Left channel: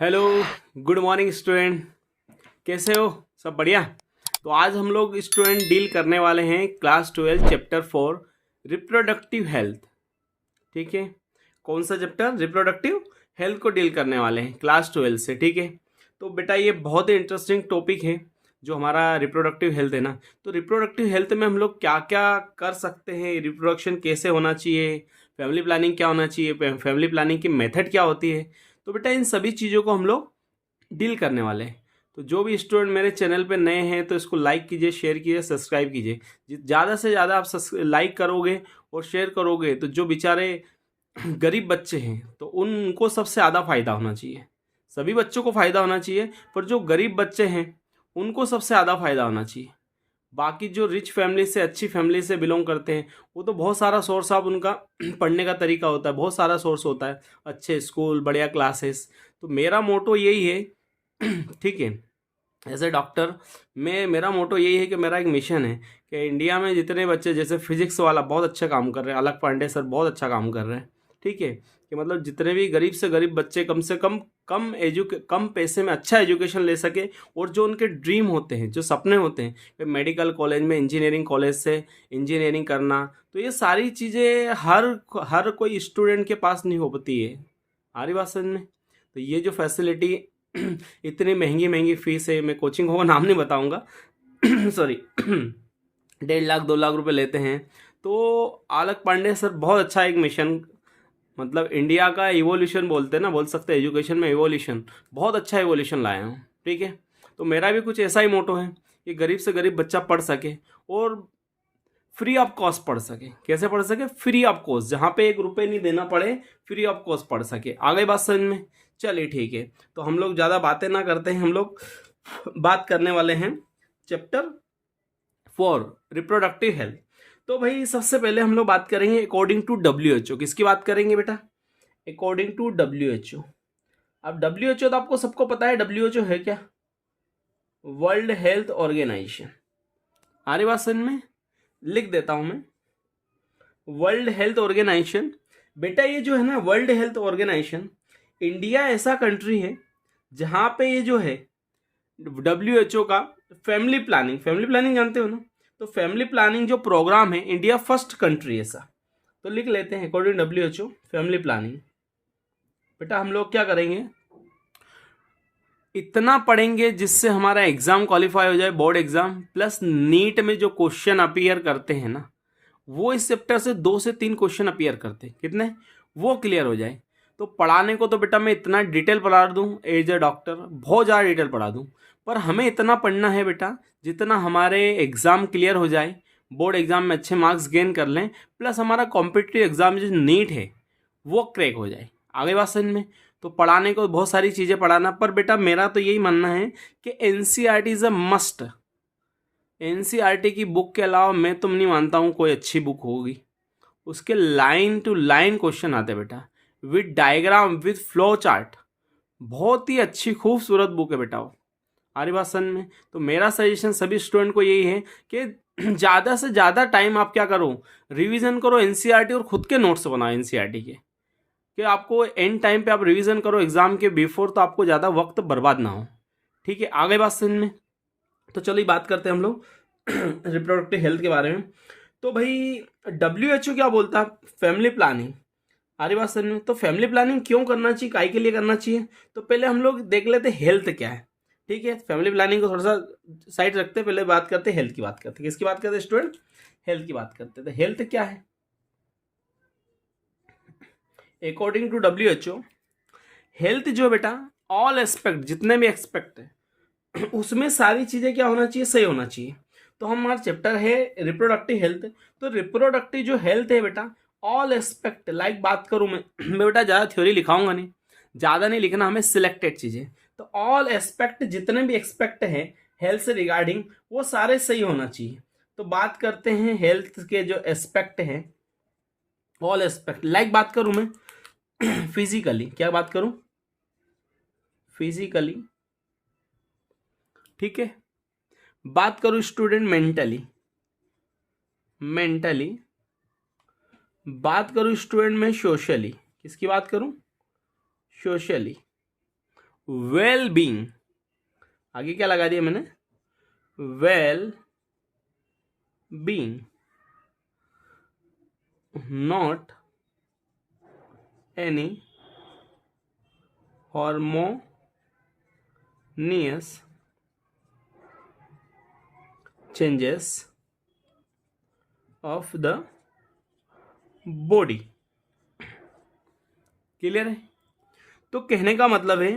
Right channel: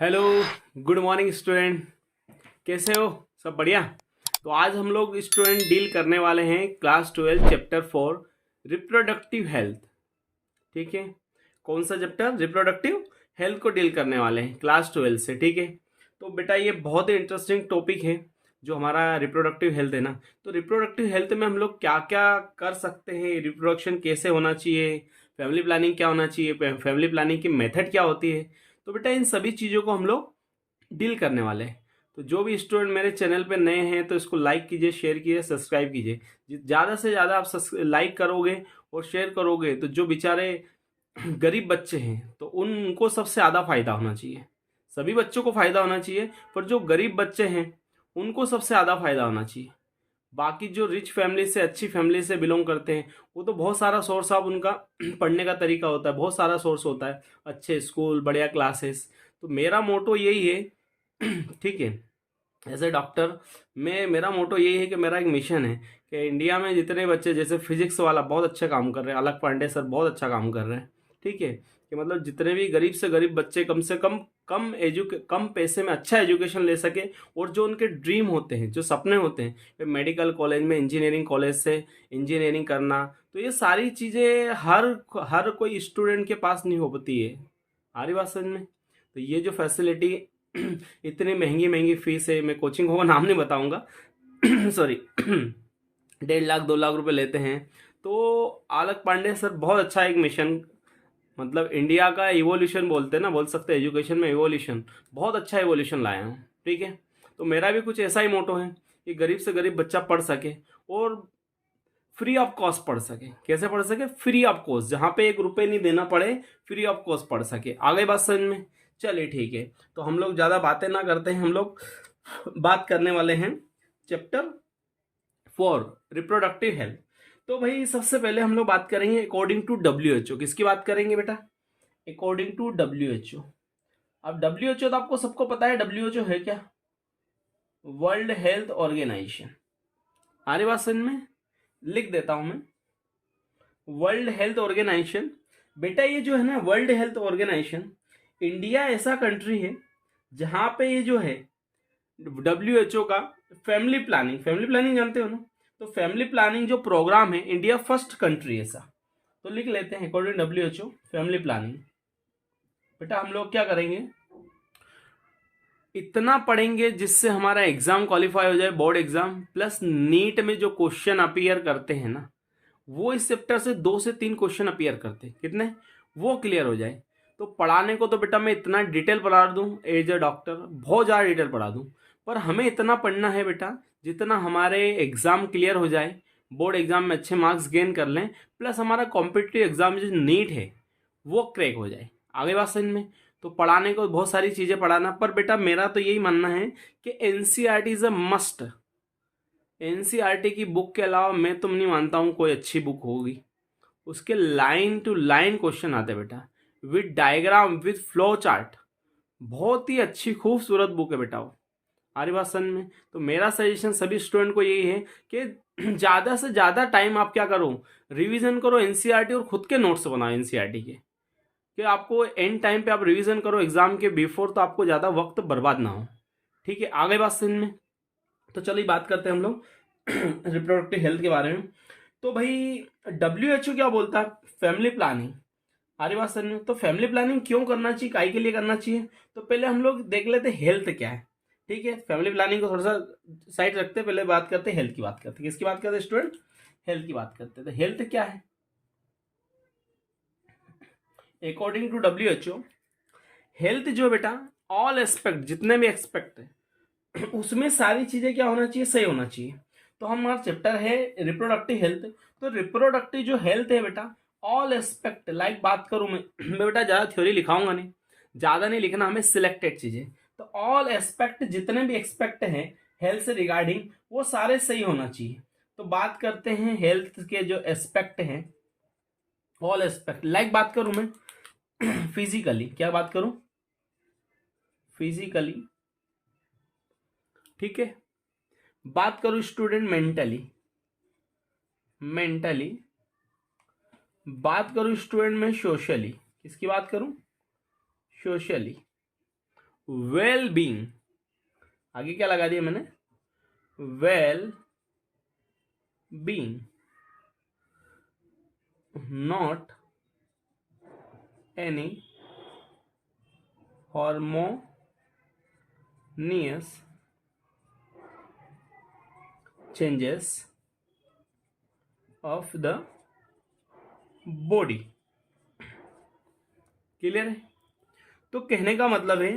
Hello. Good morning student. कैसे हो? सब बढ़िया। तो आज हम लोग स्टूडेंट डील करने वाले हैं क्लास 12 चैप्टर 4 रिप्रोडक्टिव हेल्थ। ठीक है। कौन सा चैप्टर? रिप्रोडक्टिव हेल्थ को डील करने वाले हैं क्लास 12 से। ठीक है। तो बेटा ये बहुत ही इंटरेस्टिंग टॉपिक है जो हमारा रिप्रोडक्टिव हेल्थ है ना। तो रिप्रोडक्टिव हेल्थ में हम लोग क्या क्या कर सकते हैं, रिप्रोडक्शन कैसे होना चाहिए, फैमिली प्लानिंग क्या होना चाहिए, फैमिली प्लानिंग की मेथड क्या होती है। तो बेटा इन सभी चीज़ों को हम लोग डील करने वाले हैं। तो जो भी स्टूडेंट मेरे चैनल पे नए हैं तो इसको लाइक कीजिए, शेयर कीजिए, सब्सक्राइब कीजिए। ज़्यादा से ज़्यादा आप लाइक करोगे और शेयर करोगे तो जो बेचारे गरीब बच्चे हैं तो उनको सबसे ज़्यादा फ़ायदा होना चाहिए। सभी बच्चों को फ़ायदा होना चाहिए, पर जो गरीब बच्चे हैं उनको सबसे ज़्यादा फ़ायदा होना चाहिए। बाकी जो रिच फैमिली से, अच्छी फैमिली से बिलोंग करते हैं वो तो बहुत सारा सोर्स ऑफ उनका पढ़ने का तरीका होता है, बहुत सारा सोर्स होता है, अच्छे स्कूल, बढ़िया क्लासेस। तो मेरा मोटो यही है ठीक है। एज ए डॉक्टर मेरा मोटो यही है कि मेरा एक मिशन है कि इंडिया में जितने बच्चे, जैसे फिजिक्स वाला बहुत अच्छा काम कर रहे हैं, अलग पांडे सर बहुत अच्छा काम कर रहे हैं। ठीक है। कि मतलब जितने भी गरीब से गरीब बच्चे कम से कम कम पैसे में अच्छा एजुकेशन ले सके, और जो उनके ड्रीम होते हैं, जो सपने होते हैं, मेडिकल कॉलेज में, इंजीनियरिंग कॉलेज से इंजीनियरिंग करना, तो ये सारी चीज़ें हर हर कोई स्टूडेंट के पास नहीं हो पाती है। आ रही बात समझ में? तो ये जो फैसिलिटी इतनी महंगी महंगी फीस है, मैं कोचिंग को नाम नहीं बताऊंगा सॉरी 1.5 लाख 2 लाख रुपए लेते हैं। तो आलक पांडे सर बहुत अच्छा एक मिशन, मतलब इंडिया का इवोल्यूशन बोलते हैं ना, बोल सकते हैं एजुकेशन में इवोल्यूशन, बहुत अच्छा इवोल्यूशन लाया हूँ। ठीक है। तो मेरा भी कुछ ऐसा ही मोटो है कि गरीब से गरीब बच्चा पढ़ सके और फ्री ऑफ कॉस्ट पढ़ सके। कैसे पढ़ सके? फ्री ऑफ कॉस्ट, जहाँ पे 1 रुपये नहीं देना पड़े, फ्री ऑफ कॉस्ट पढ़ सके। आ गई बात समझ में? चलिए ठीक है। तो हम लोग ज़्यादा बातें ना करते हैं, हम लोग बात करने वाले हैं चैप्टर 4 रिप्रोडक्टिव हेल्थ। तो भाई सबसे पहले हम लोग बात करेंगे अकॉर्डिंग टू WHO। किसकी बात करेंगे बेटा? According to WHO। अब WHO तो आपको सबको पता है, WHO है क्या? World health organisation. आ रही बात समझ में? लिख देता हूं मैं, वर्ल्ड हेल्थ ऑर्गेनाइजेशन। बेटा ये जो है ना वर्ल्ड हेल्थ ऑर्गेनाइजेशन, इंडिया ऐसा कंट्री है जहां पे ये जो है WHO का फैमिली प्लानिंग जानते हो ना? तो फैमिली प्लानिंग जो प्रोग्राम है, इंडिया फर्स्ट कंट्री ऐसा। तो लिख लेते हैं अकॉर्डिंग WHO फैमिली प्लानिंग। बेटा हम लोग क्या करेंगे, इतना पढ़ेंगे जिससे हमारा एग्जाम क्वालिफाई हो जाए, बोर्ड एग्जाम प्लस नीट में जो क्वेश्चन अपीयर करते हैं ना, वो इस चैप्टर से 2 से 3 क्वेश्चन अपीयर करते हैं। कितने? वो क्लियर हो जाए। तो पढ़ाने को तो बेटा मैं इतना डिटेल पढ़ा दूं, एज ए डॉक्टर बहुत ज़्यादा डिटेल पढ़ा दूं, पर हमें इतना पढ़ना है बेटा जितना हमारे एग्ज़ाम क्लियर हो जाए, बोर्ड एग्ज़ाम में अच्छे मार्क्स गेन कर लें, प्लस हमारा कॉम्पिटिटिव एग्ज़ाम जो नीट है वो क्रैक हो जाए। आगे बात समझ में? तो पढ़ाने को बहुत सारी चीज़ें पढ़ाना, पर बेटा मेरा तो यही मानना है कि NCERT is a must. NCERT की बुक के अलावा मैं तुम नहीं मानता हूँ कोई अच्छी बुक होगी। उसके लाइन टू लाइन क्वेश्चन आते हैं बेटा, with diagram, with flow chart. बहुत ही अच्छी खूबसूरत बुक है बेटा वो। हमारी बात समझ में? तो मेरा सजेशन सभी स्टूडेंट को यही है कि ज़्यादा से ज़्यादा टाइम आप क्या करो, रिवीजन करो NCERT, और खुद के नोट्स बनाओ NCERT के, कि आपको एंड टाइम पे आप रिवीजन करो एग्जाम के बिफोर, तो आपको ज़्यादा वक्त बर्बाद ना हो। ठीक है। आगे बात समझ में? तो चलिए बात करते हैं हम लोग रिप्रोडक्टिव हेल्थ के बारे में। तो भाई WHO क्या बोलता है? Family planning. हमारी बात समझ में? तो फैमिली प्लानिंग क्यों करना चाहिए, काय के लिए करना चाहिए? तो पहले हम लोग देख लेते हैं हेल्थ क्या है। ठीक है। फैमिली प्लानिंग को थोड़ा सा साइड रखते हैं, पहले बात करते हैं हेल्थ की। बात करते हैं किसकी बात करते हैं स्टूडेंट? हेल्थ की बात करते हैं। तो हेल्थ क्या है अकॉर्डिंग टू WHO? हेल्थ जो बेटा, ऑल एस्पेक्ट, जितने भी एक्सपेक्ट है उसमें सारी चीजें क्या होना चाहिए? सही होना चाहिए। तो हमारा चैप्टर है रिप्रोडक्टिव हेल्थ। तो रिप्रोडक्टिव जो हेल्थ है बेटा, ऑल एस्पेक्ट, लाइक बात करूं मैं बेटा ज़्यादा थ्योरी लिखाऊंगा नहीं, ज़्यादा नहीं लिखना, हमें सिलेक्टेड चीज़ें। तो ऑल एस्पेक्ट, जितने भी एक्सपेक्ट है हेल्थ से रिगार्डिंग, वो सारे सही होना चाहिए। तो बात करते हैं हेल्थ के जो एस्पेक्ट हैं, ऑल एस्पेक्ट। लाइक बात करूं मैं फिजिकली, क्या बात करूं? फिजिकली। ठीक है। बात करूं स्टूडेंट मेंटली, मेंटली। बात करूं स्टूडेंट में सोशली, किसकी बात करूं? सोशली। वेल बीइंग, आगे क्या लगा दिया मैंने, well being, not any harmonious changes of the body. Clear है? तो कहने का मतलब है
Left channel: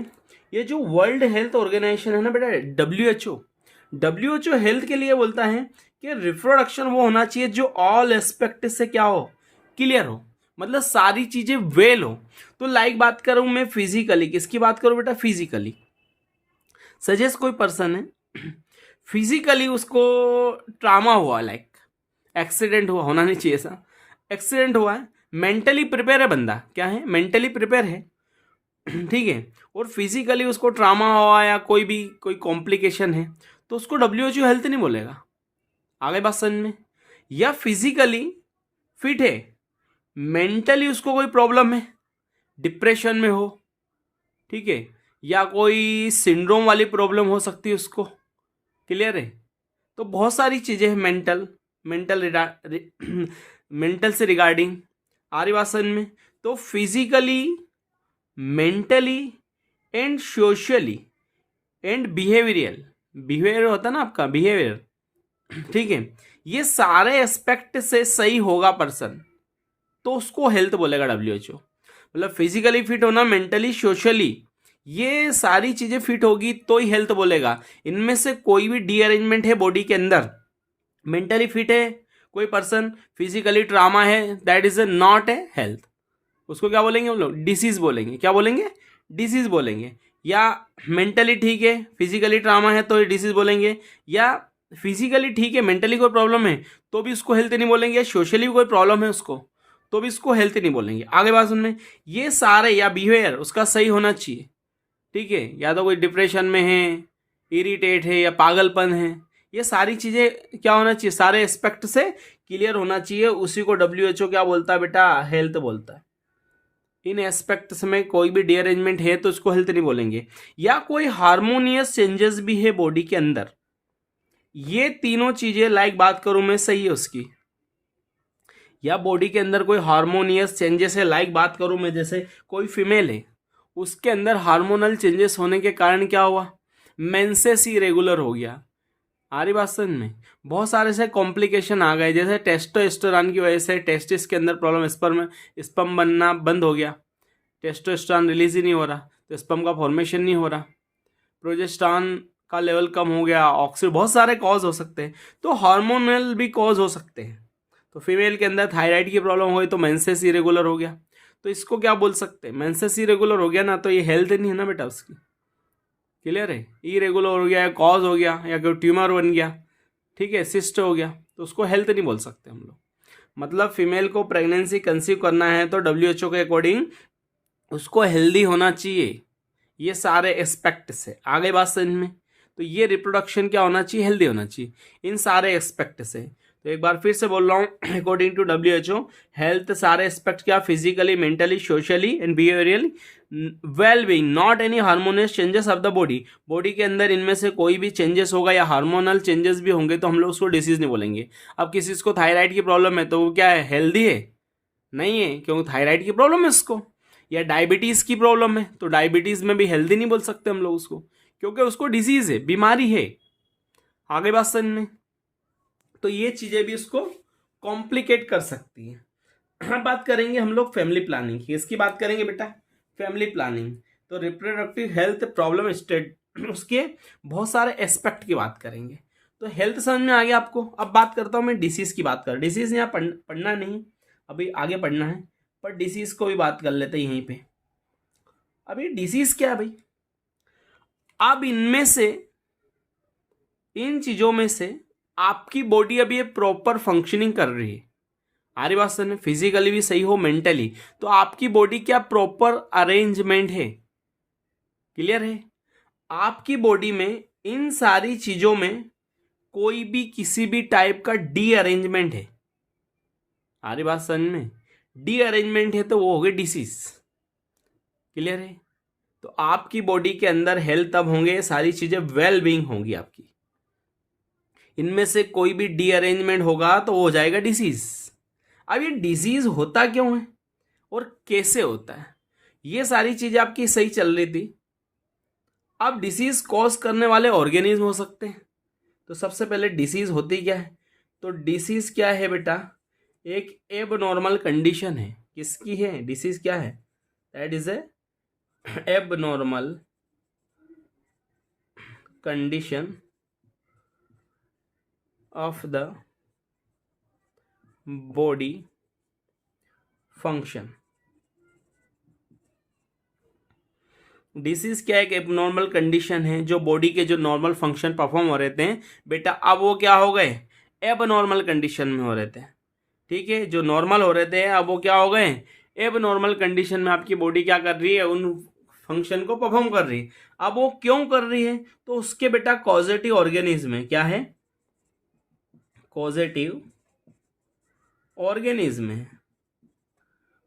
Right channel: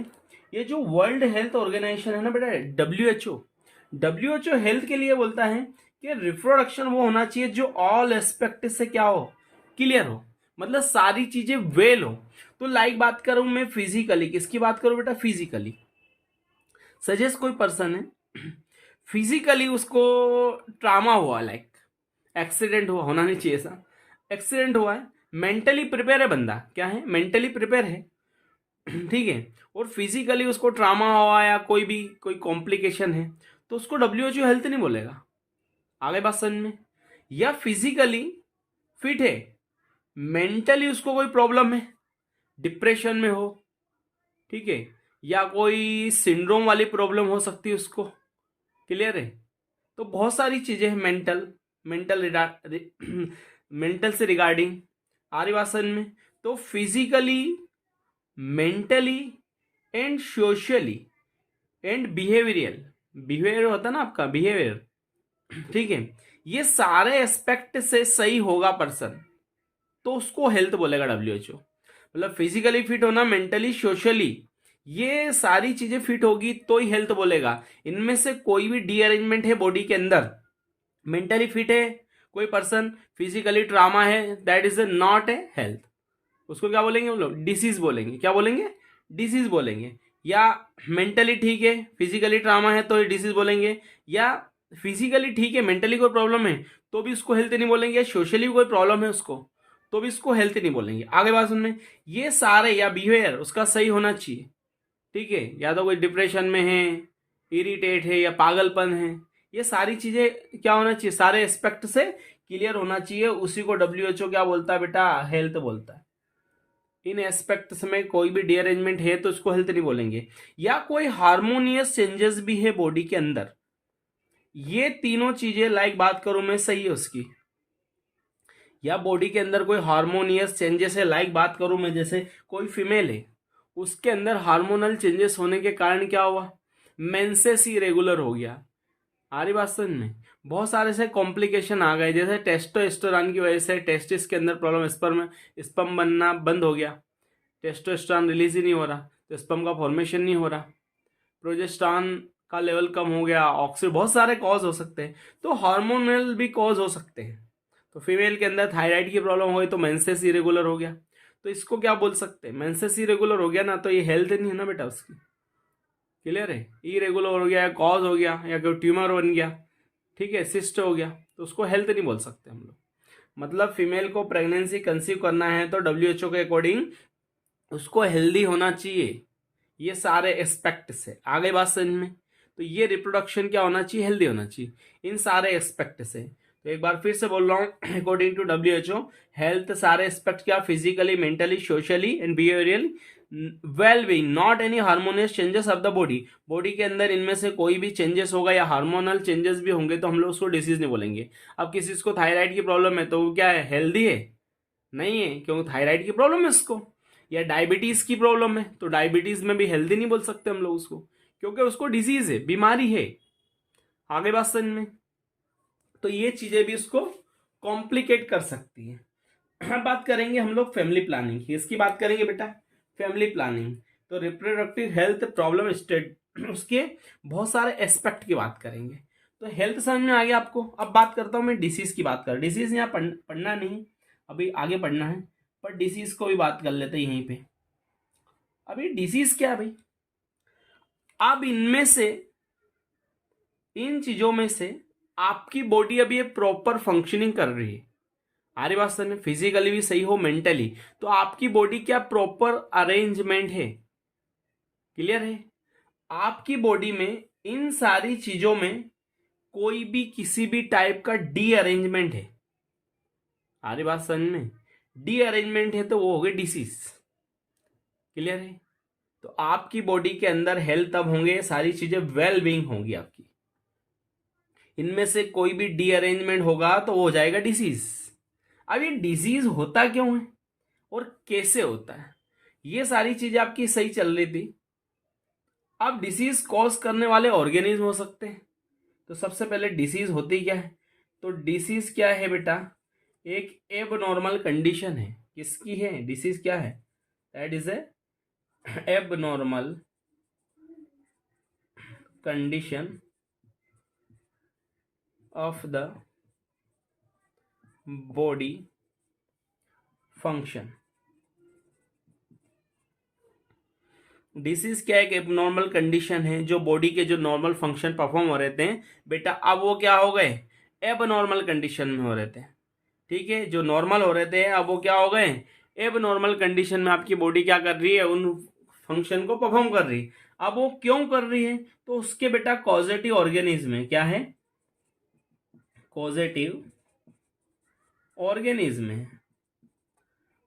ये जो वर्ल्ड हेल्थ ऑर्गेनाइजेशन है ना बेटा, डब्ल्यू एच ओ हेल्थ के लिए बोलता है कि रिप्रोडक्शन वो होना चाहिए जो ऑल एस्पेक्ट से क्या हो, क्लियर हो, मतलब सारी चीजें वेल हो। तो लाइक बात करूं मैं फिजिकली, किसकी बात करूं बेटा, फिजिकली। सजेस्ट कोई पर्सन है, फिजिकली उसको ट्रामा हुआ, लाइक एक्सीडेंट हुआ, होना नहीं चाहिए सा, एक्सीडेंट हुआ है, मेंटली प्रिपेयर है बंदा, क्या है, मेंटली प्रिपेयर है, ठीक है, और फिजिकली उसको ट्रामा हुआ या कोई कॉम्प्लिकेशन है, तो उसको डब्ल्यू हेल्थ नहीं बोलेगा। आगे बात समझ में? या फिजिकली फिट है, मेंटली उसको कोई प्रॉब्लम है, डिप्रेशन में हो, ठीक है, या कोई सिंड्रोम वाली प्रॉब्लम हो सकती है उसको, क्लियर है? तो बहुत सारी चीजें हैं मेंटल मेंटल से रिगार्डिंग, आ रही बात समझ में? तो physically, mentally and socially and behaviour होता है ना आपका, बिहेवियर, ठीक है, ये सारे एस्पेक्ट से सही होगा पर्सन, तो उसको हेल्थ बोलेगा डब्ल्यूएचओ। मतलब फिजिकली फिट होना, मेंटली, सोशली, ये सारी चीजें फिट होगी तो ही हेल्थ बोलेगा। इनमें से कोई भी डीअरेंजमेंट है बॉडी के अंदर, मेंटली फिट है कोई पर्सन, फिजिकली ट्रामा है, that is not a health, उसको क्या बोलेंगे हम लोग, डिसीज बोलेंगे। क्या बोलेंगे? डिसीज बोलेंगे। या मेंटली ठीक है, फिजिकली ट्रामा है तो डिसीज बोलेंगे, या फिजिकली ठीक है, मेंटली कोई प्रॉब्लम है तो भी उसको हेल्थ नहीं बोलेंगे, या सोशली कोई प्रॉब्लम है उसको तो भी इसको हेल्थ नहीं बोलेंगे। आगे बात सुनने, ये सारे, या बिहेवियर उसका सही होना चाहिए, ठीक है, या तो कोई डिप्रेशन में है, इरिटेट है, या पागलपन है, ये सारी चीजें क्या होना चाहिए, सारे एस्पेक्ट से क्लियर होना चाहिए, उसी को डब्ल्यूएचओ क्या बोलता है बेटा, हेल्थ बोलता है। इन एस्पेक्ट्स में कोई भी डीअरेंजमेंट है तो उसको हेल्थ नहीं बोलेंगे। या कोई हार्मोनियस चेंजेस भी है बॉडी के अंदर, ये तीनों चीजें लाइक बात करूं मैं सही है उसकी, या बॉडी के अंदर कोई हार्मोनियस चेंजेस है, लाइक बात करूं मैं, जैसे कोई फीमेल है, उसके अंदर हार्मोनल चेंजेस होने के कारण क्या हुआ, मेंसेस इरेगुलर हो गया। आ रही बात समझ में? बहुत सारे से कॉम्प्लिकेशन आ गए, जैसे टेस्टोस्टेरोन की वजह से टेस्टिस के अंदर प्रॉब्लम, स्पर्म बनना बंद हो गया, टेस्टोस्टेरोन रिलीज ही नहीं हो रहा तो स्पर्म का फॉर्मेशन नहीं हो रहा, प्रोजेस्टेरॉन का लेवल कम हो गया, ऑक्सीजन, बहुत सारे कॉज हो सकते हैं, तो हार्मोनल भी कॉज हो सकते हैं। तो फीमेल के अंदर थायराइड की प्रॉब्लम हुई तो मेंसेस इरेगुलर हो गया, तो इसको क्या बोल सकते हैं, मेंसेस इरेगुलर हो गया ना, तो ये हेल्थ नहीं है ना बेटा उसकी, क्लियर है? इरेगुलर हो गया, या कॉज हो गया, या कोई ट्यूमर बन गया, ठीक है, सिस्ट हो गया, तो उसको हेल्थ नहीं बोल सकते हम लोग। मतलब फीमेल को प्रेगनेंसी कंसीव करना है तो डब्ल्यूएचओ के अकॉर्डिंग उसको हेल्दी होना चाहिए, ये सारे एस्पेक्ट से। आगे बात समझ में? तो ये रिप्रोडक्शन क्या होना चाहिए, हेल्दी होना चाहिए इन सारे एस्पेक्ट से। तो एक बार फिर से बोल रहा हूँ, अकॉर्डिंग टू डब्ल्यूएचओ हेल्थ सारे एस्पेक्ट क्या, physically, mentally, socially and behaviourally well being, not any harmonious changes of the body. Body के अंदर इनमें से कोई भी चेंजेस होगा या हार्मोनल चेंजेस भी होंगे तो हम लोग उसको डिसीज नहीं बोलेंगे। अब किसी को थायराइड की प्रॉब्लम है तो वो क्या है, हेल्दी है? नहीं है, क्योंकि थायराइड की प्रॉब्लम है उसको। या डायबिटीज की प्रॉब्लम है तो डायबिटीज में भी हेल्दी नहीं बोल सकते हम लोग उसको, क्योंकि उसको डिजीज है, बीमारी है। आगे बात समझ में? तो ये चीजें भी उसको कॉम्प्लिकेट कर सकती है। अब बात करेंगे हम लोग फैमिली प्लानिंग की, इसकी बात करेंगे बेटा, फैमिली प्लानिंग। तो रिप्रोडक्टिव हेल्थ प्रॉब्लम स्टेट, उसके बहुत सारे एस्पेक्ट की बात करेंगे। तो हेल्थ समझ में आ गया आपको। अब बात करता हूँ मैं डिसीज की, बात कर, डिसीज यहाँ पढ़ना नहीं, अभी आगे पढ़ना है, पर डिसीज को भी बात कर लेते हैं यहीं पे। अभी डिसीज क्या है भाई, अब इनमें से, इन चीजों में से आपकी बॉडी अभी प्रॉपर फंक्शनिंग कर रही है, आरी बात समझ में, फिजिकली भी सही हो, मेंटली, तो आपकी बॉडी क्या प्रॉपर अरेंजमेंट है, क्लियर है? आपकी बॉडी में इन सारी चीजों में कोई भी किसी भी टाइप का डी अरेंजमेंट है, आरी बात समझ में, डी अरेंजमेंट है तो वो हो गई डिसीज, क्लियर है? तो आपकी बॉडी के अंदर हेल्थ तब होंगे, सारी चीजें वेल बीइंग होंगी आपकी। इनमें से कोई भी डीअरेंजमेंट होगा तो वो हो जाएगा डिसीज। अब ये डिजीज होता क्यों है और कैसे होता है, ये सारी चीजें आपकी सही चल रही थी। अब डिसीज कॉज करने वाले ऑर्गेनिज्म हो सकते हैं। तो सबसे पहले डिसीज होती क्या है, तो डिसीज क्या है बेटा, एक एबनॉर्मल कंडीशन है। किसकी है डिसीज, क्या है, that is a abnormal condition of the body function. Disease क्या है, एक एबनॉर्मल कंडीशन है जो बॉडी के जो नॉर्मल फंक्शन परफॉर्म हो रहे थे बेटा, अब वो क्या हो गए, एबनॉर्मल कंडीशन में हो रहे थे। ठीक है, जो नॉर्मल हो रहे थे अब वो क्या हो गए, एबनॉर्मल कंडीशन में आपकी बॉडी क्या कर रही है, उन फंक्शन को परफॉर्म कर रही है। अब वो क्यों कर रही है, तो उसके बेटा कॉजेटिव ऑर्गेनिज्म है। क्या है, कॉजेटिव ऑर्गेनिज्म है।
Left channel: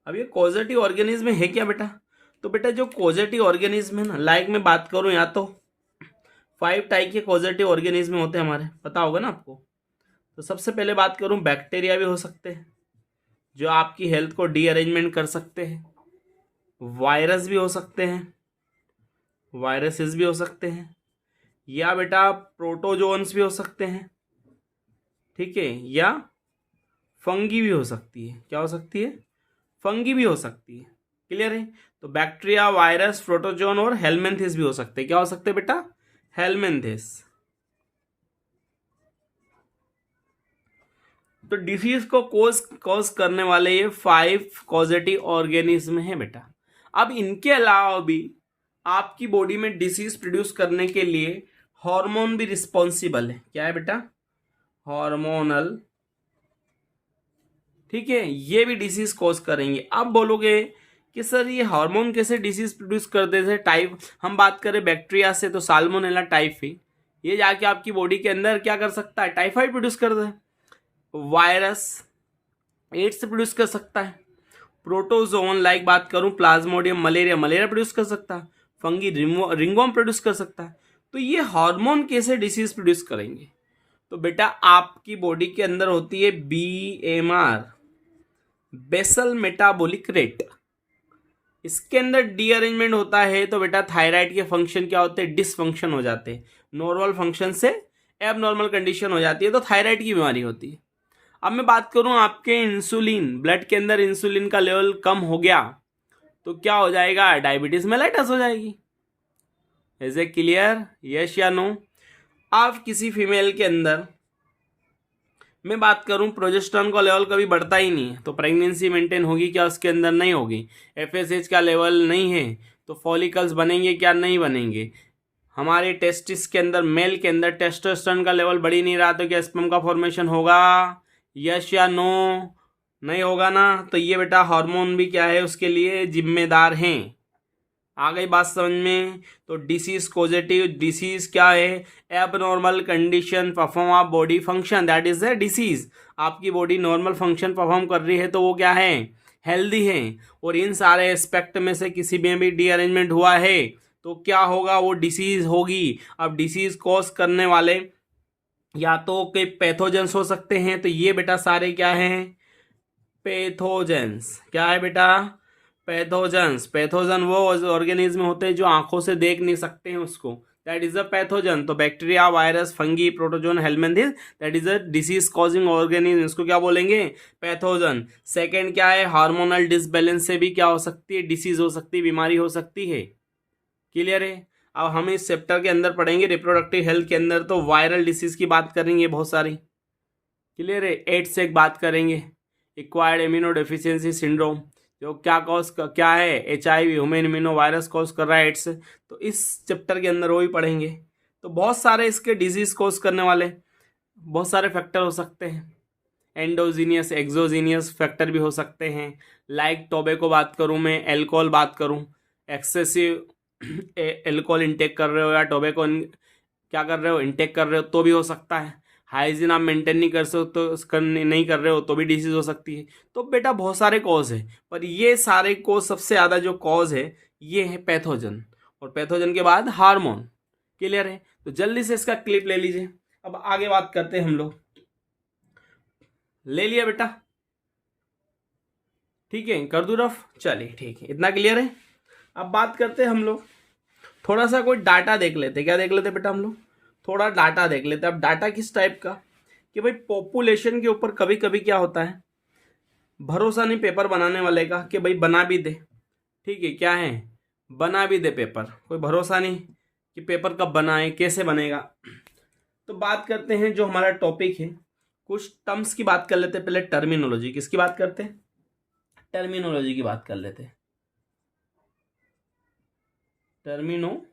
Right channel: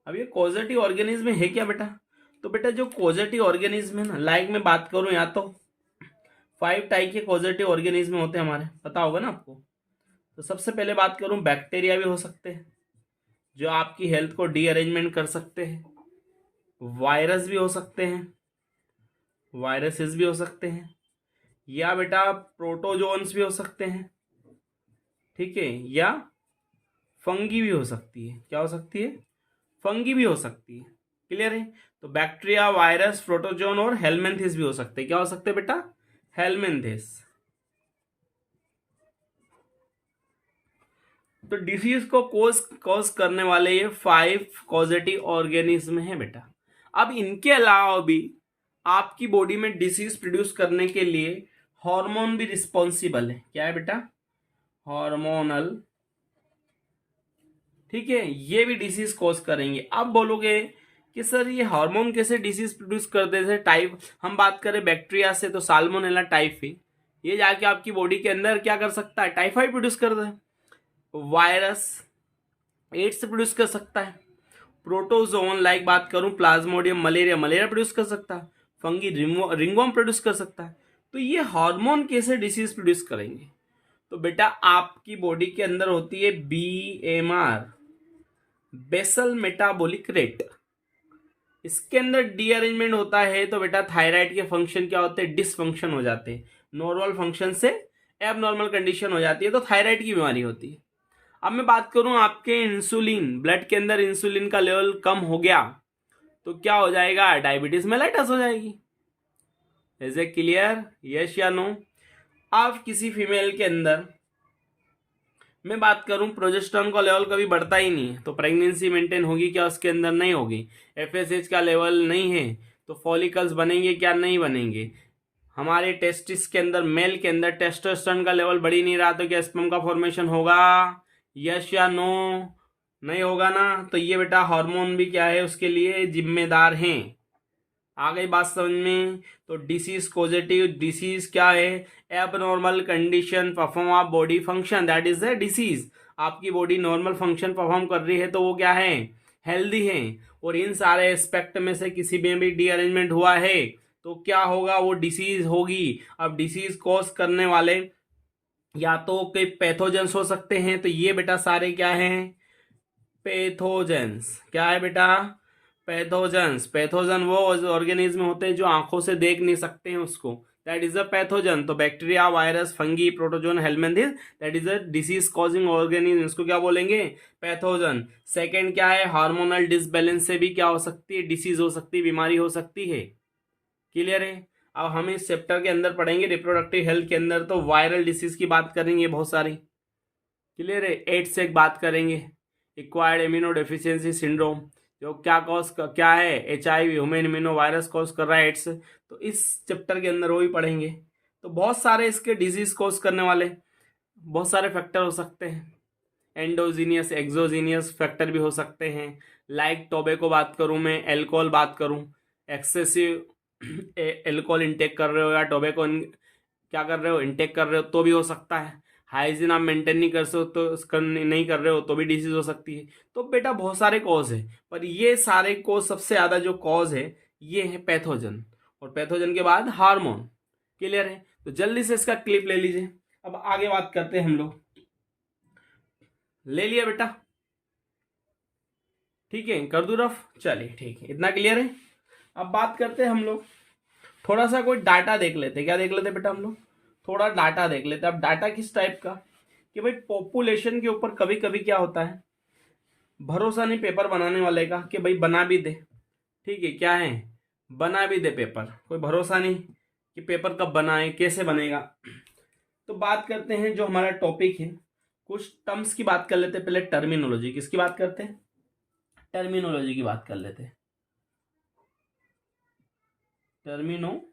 अब ये कॉजेटिव ऑर्गेनिज्म है क्या बेटा, तो बेटा जो कॉजेटिव ऑर्गेनिज्म है ना, लाइक मैं बात करूं या तो 5 टाइप के कॉजेटिव ऑर्गेनिज्म होते हैं हमारे, पता होगा ना आपको। तो सबसे पहले बात करूं, बैक्टीरिया भी हो सकते हैं जो आपकी हेल्थ को डीअरेंजमेंट कर सकते हैं। वायरस भी हो सकते हैं, वायरसेस भी हो सकते हैं, या बेटा प्रोटोजोन्स भी हो सकते हैं। ठीक है, या फंगी भी हो सकती है। क्या हो सकती है, फंगी भी हो सकती है। क्लियर है, तो बैक्टीरिया, वायरस, प्रोटोजोन और हेलमिंथिस भी हो सकते हैं। क्या हो सकते हैं बेटा, हेलमिंथिस। तो डिसीज को कॉज करने वाले ये 5 कॉजेटिव ऑर्गेनिज्म है बेटा। अब इनके अलावा भी आपकी बॉडी में डिसीज प्रोड्यूस करने के लिए हार्मोन भी रिस्पॉन्सिबल है। क्या है बेटा, हार्मोनल। ठीक है, ये भी डिसीज कॉज करेंगे। अब बोलोगे कि सर ये हार्मोन कैसे डिसीज प्रोड्यूस करते थे, टाइप हम बात करें बैक्टीरिया से तो साल्मोनेला टाइफी, ये जाके आपकी बॉडी के अंदर क्या कर सकता है, टाइफाइड प्रोड्यूस करता है। वायरस एड्स प्रोड्यूस कर सकता है। प्रोटोजोन लाइक बात करूं प्लाज्मोडियम, मलेरिया, मलेरिया प्रोड्यूस कर सकता है। फंगी रिंगवर्म प्रोड्यूस कर सकता है। तो ये हार्मोन कैसे डिसीज प्रोड्यूस करेंगे, तो बेटा आपकी बॉडी के अंदर होती है BMR, बेसल मेटाबॉलिक रेट। इसके अंदर डीअरेंजमेंट होता है तो बेटा थायराइड के फंक्शन क्या होते हैं, डिसफंक्शन हो जाते हैं। नॉर्मल फंक्शन से एबनॉर्मल कंडीशन हो जाती है तो थायराइड की बीमारी होती है। अब मैं बात करूं आपके इंसुलिन, ब्लड के अंदर इंसुलिन का लेवल कम हो गया तो क्या हो जाएगा, डायबिटीज मेलाइटस हो जाएगी। इज ए क्लियर, यस या नो। आप किसी फीमेल के अंदर मैं बात करूं प्रोजेस्टेरॉन का लेवल कभी बढ़ता ही नहीं है तो प्रेगनेंसी मेंटेन होगी क्या, उसके अंदर नहीं होगी। FSH का लेवल नहीं है तो फॉलिकल्स बनेंगे क्या, नहीं बनेंगे। हमारे टेस्टिस के अंदर, मेल के अंदर टेस्टोस्टेरोन का लेवल बढ़ ही नहीं रहा तो क्या स्पर्म का फॉर्मेशन होगा, यस या नो, नहीं होगा ना। तो ये बेटा हार्मोन भी क्या है, उसके लिए जिम्मेदार हैं। आ गई बात समझ में। तो डिसीज कॉजेटिव, डिसीज क्या है, abnormal condition perform of body function, that is the disease. आपकी बॉडी नॉर्मल फंक्शन परफॉर्म कर रही है तो वो क्या है, हेल्दी है। और इन सारे एस्पेक्ट में से किसी में भी डीअरेंजमेंट हुआ है तो क्या होगा, वो डिसीज होगी। अब डिसीज कॉज करने वाले या तो के पैथोजेंस हो सकते हैं, तो ये बेटा सारे क्या हैं, पैथोजेंस। क्या है बेटा, पैथोजेंस। पैथोजन वो ऑर्गेनिज्म होते हैं जो आंखों से देख नहीं सकते हैं उसको, दैट इज अ पैथोजन। तो bacteria, virus, fungi, protozoan, helminths, that is a disease causing organism, इसको क्या बोलेंगे, पैथोजन। सेकेंड क्या है, हार्मोनल डिसबैलेंस से भी क्या हो सकती है, डिसीज हो सकती है, बीमारी हो सकती है। क्लियर है। अब हम इस चैप्टर के अंदर पढ़ेंगे रिप्रोडक्टिव हेल्थ के अंदर तो वायरल डिसीज की बात करेंगे बहुत सारी। क्लियर है, एड्स से एक बात करेंगे, एक्वायर्ड इम्यूनो डेफिशिएंसी सिंड्रोम, जो क्या है, HIV, human immuno virus cause कर रहा है एड्स, तो इस चैप्टर के अंदर वो भी पढ़ेंगे। तो बहुत सारे इसके डिजीज कॉज करने वाले बहुत सारे फैक्टर हो सकते हैं, एंडोजीनियस, एक्सोजीनियस फैक्टर भी हो सकते हैं। लाइक टोबैको बात करूं मैं, अल्कोहल बात करूं, एक्सेसिव अल्कोहल इंटेक कर रहे हो या टोबैको क्या कर रहे हो, इंटेक कर रहे हो तो भी हो सकता है। हाइजीन आप मेंटेन नहीं कर सकते तो नहीं कर रहे हो तो भी डिसीज हो सकती है। तो बेटा बहुत सारे कॉज है, पर ये सारे कॉज सबसे ज़्यादा जो कॉज है ये है पैथोजन। और पैथोजन के बाद हार्मोन। क्लियर है? तो जल्दी से इसका क्लिप ले लीजिए। अब आगे बात करते हैं हम लोग। ले लिया बेटा? ठीक है, कर दूं रफ? चलिए ठीक है, इतना क्लियर है। अब बात करते हैं हम लोग, थोड़ा सा कोई डाटा देख लेते। क्या देख लेते बेटा हम लोग? थोड़ा डाटा देख लेते। अब डाटा किस टाइप का कि भाई पॉपुलेशन के ऊपर कभी कभी क्या होता है, भरोसा नहीं पेपर बनाने वाले का कि भाई बना भी दे। ठीक है, क्या है, बना भी दे पेपर, कोई भरोसा नहीं कि पेपर कब बनाए, कैसे बनेगा। तो बात करते हैं जो हमारा टॉपिक है, कुछ टर्म्स की बात कर लेते हैं। पहले टर्मिनोलॉजी, किसकी बात करते हैं? टर्मिनोलॉजी की बात कर लेते हैं। टर्मिनोलॉजी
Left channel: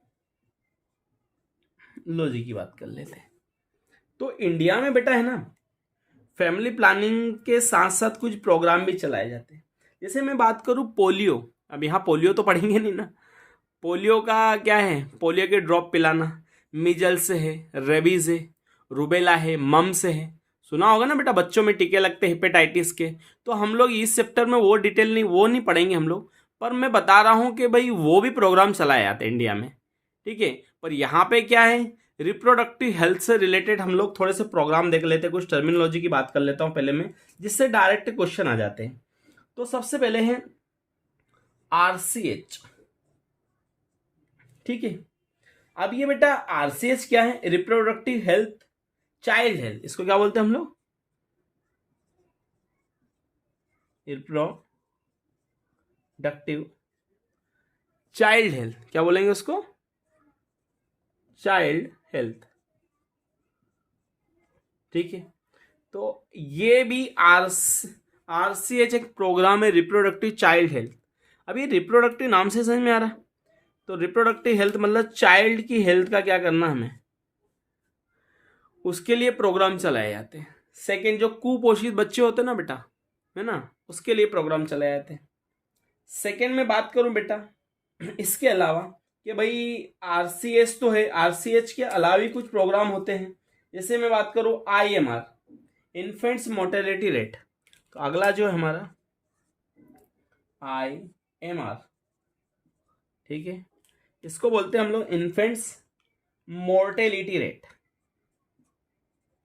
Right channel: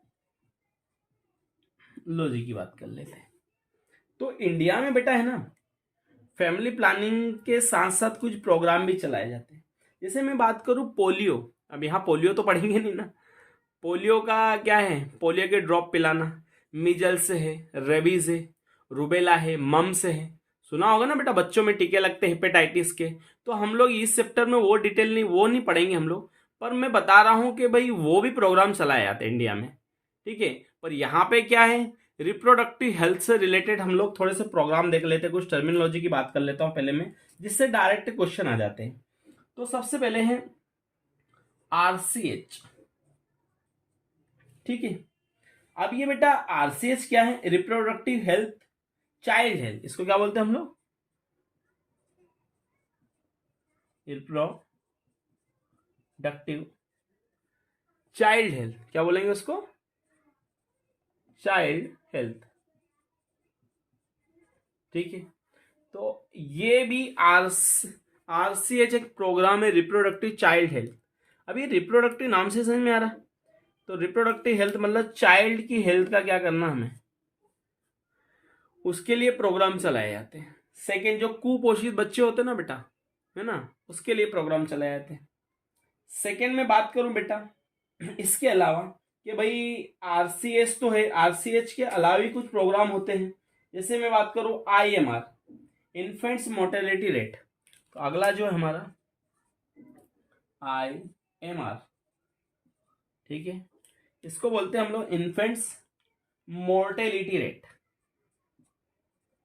की बात कर लेते हैं। तो इंडिया में बेटा है ना, फैमिली प्लानिंग के साथ साथ कुछ प्रोग्राम भी चलाए जाते हैं। जैसे मैं बात करूं पोलियो, अब यहाँ पोलियो तो पढ़ेंगे नहीं ना। पोलियो का क्या है, पोलियो के ड्रॉप पिलाना, मीजल्स है, रेबीज है, रूबेला है, मम्स है, सुना होगा ना बेटा, बच्चों में टीके लगते हैं हेपेटाइटिस के। तो हम लोग इस चैप्टर में वो डिटेल नहीं, वो नहीं पढ़ेंगे हम लोग, पर मैं बता रहा हूँ कि भाई वो भी प्रोग्राम चलाए जाते हैं इंडिया में। ठीक है, पर यहाँ पे क्या है, रिप्रोडक्टिव हेल्थ से रिलेटेड हम लोग थोड़े से प्रोग्राम देख लेते हैं। कुछ टर्मिनोलॉजी की बात कर लेता हूँ पहले में, जिससे डायरेक्ट क्वेश्चन आ जाते हैं। तो सबसे पहले है आरसीएच। ठीक है, अब ये बेटा आरसीएच क्या है, रिप्रोडक्टिव हेल्थ चाइल्ड हेल्थ, इसको क्या बोलते हैं हम लोग? रिप्रोडक्टिव चाइल्ड हेल्थ, क्या बोलेंगे उसको? Child health. ठीक है, तो ये भी आरसीएच एक प्रोग्राम है, रिप्रोडक्टिव चाइल्ड हेल्थ। अब ये रिप्रोडक्टिव नाम से समझ में आ रहा? तो रिप्रोडक्टिव हेल्थ मतलब चाइल्ड की हेल्थ का क्या करना हमें, उसके लिए प्रोग्राम चलाए जाते हैं। सेकंड, जो कुपोषित बच्चे होते हैं ना बेटा, है ना, उसके लिए प्रोग्राम चलाए जाते हैं। सेकंड में बात करूं बेटा इसके अलावा कि भाई आरसीएच तो है, आरसीएच के अलावा भी कुछ प्रोग्राम होते हैं। जैसे मैं बात करूं आईएमआर, इन्फेंट्स मोर्टेलिटी रेट। तो अगला जो है हमारा आईएमआर, ठीक है, इसको बोलते हैं हम लोग इन्फेंट्स मोर्टेलिटी रेट।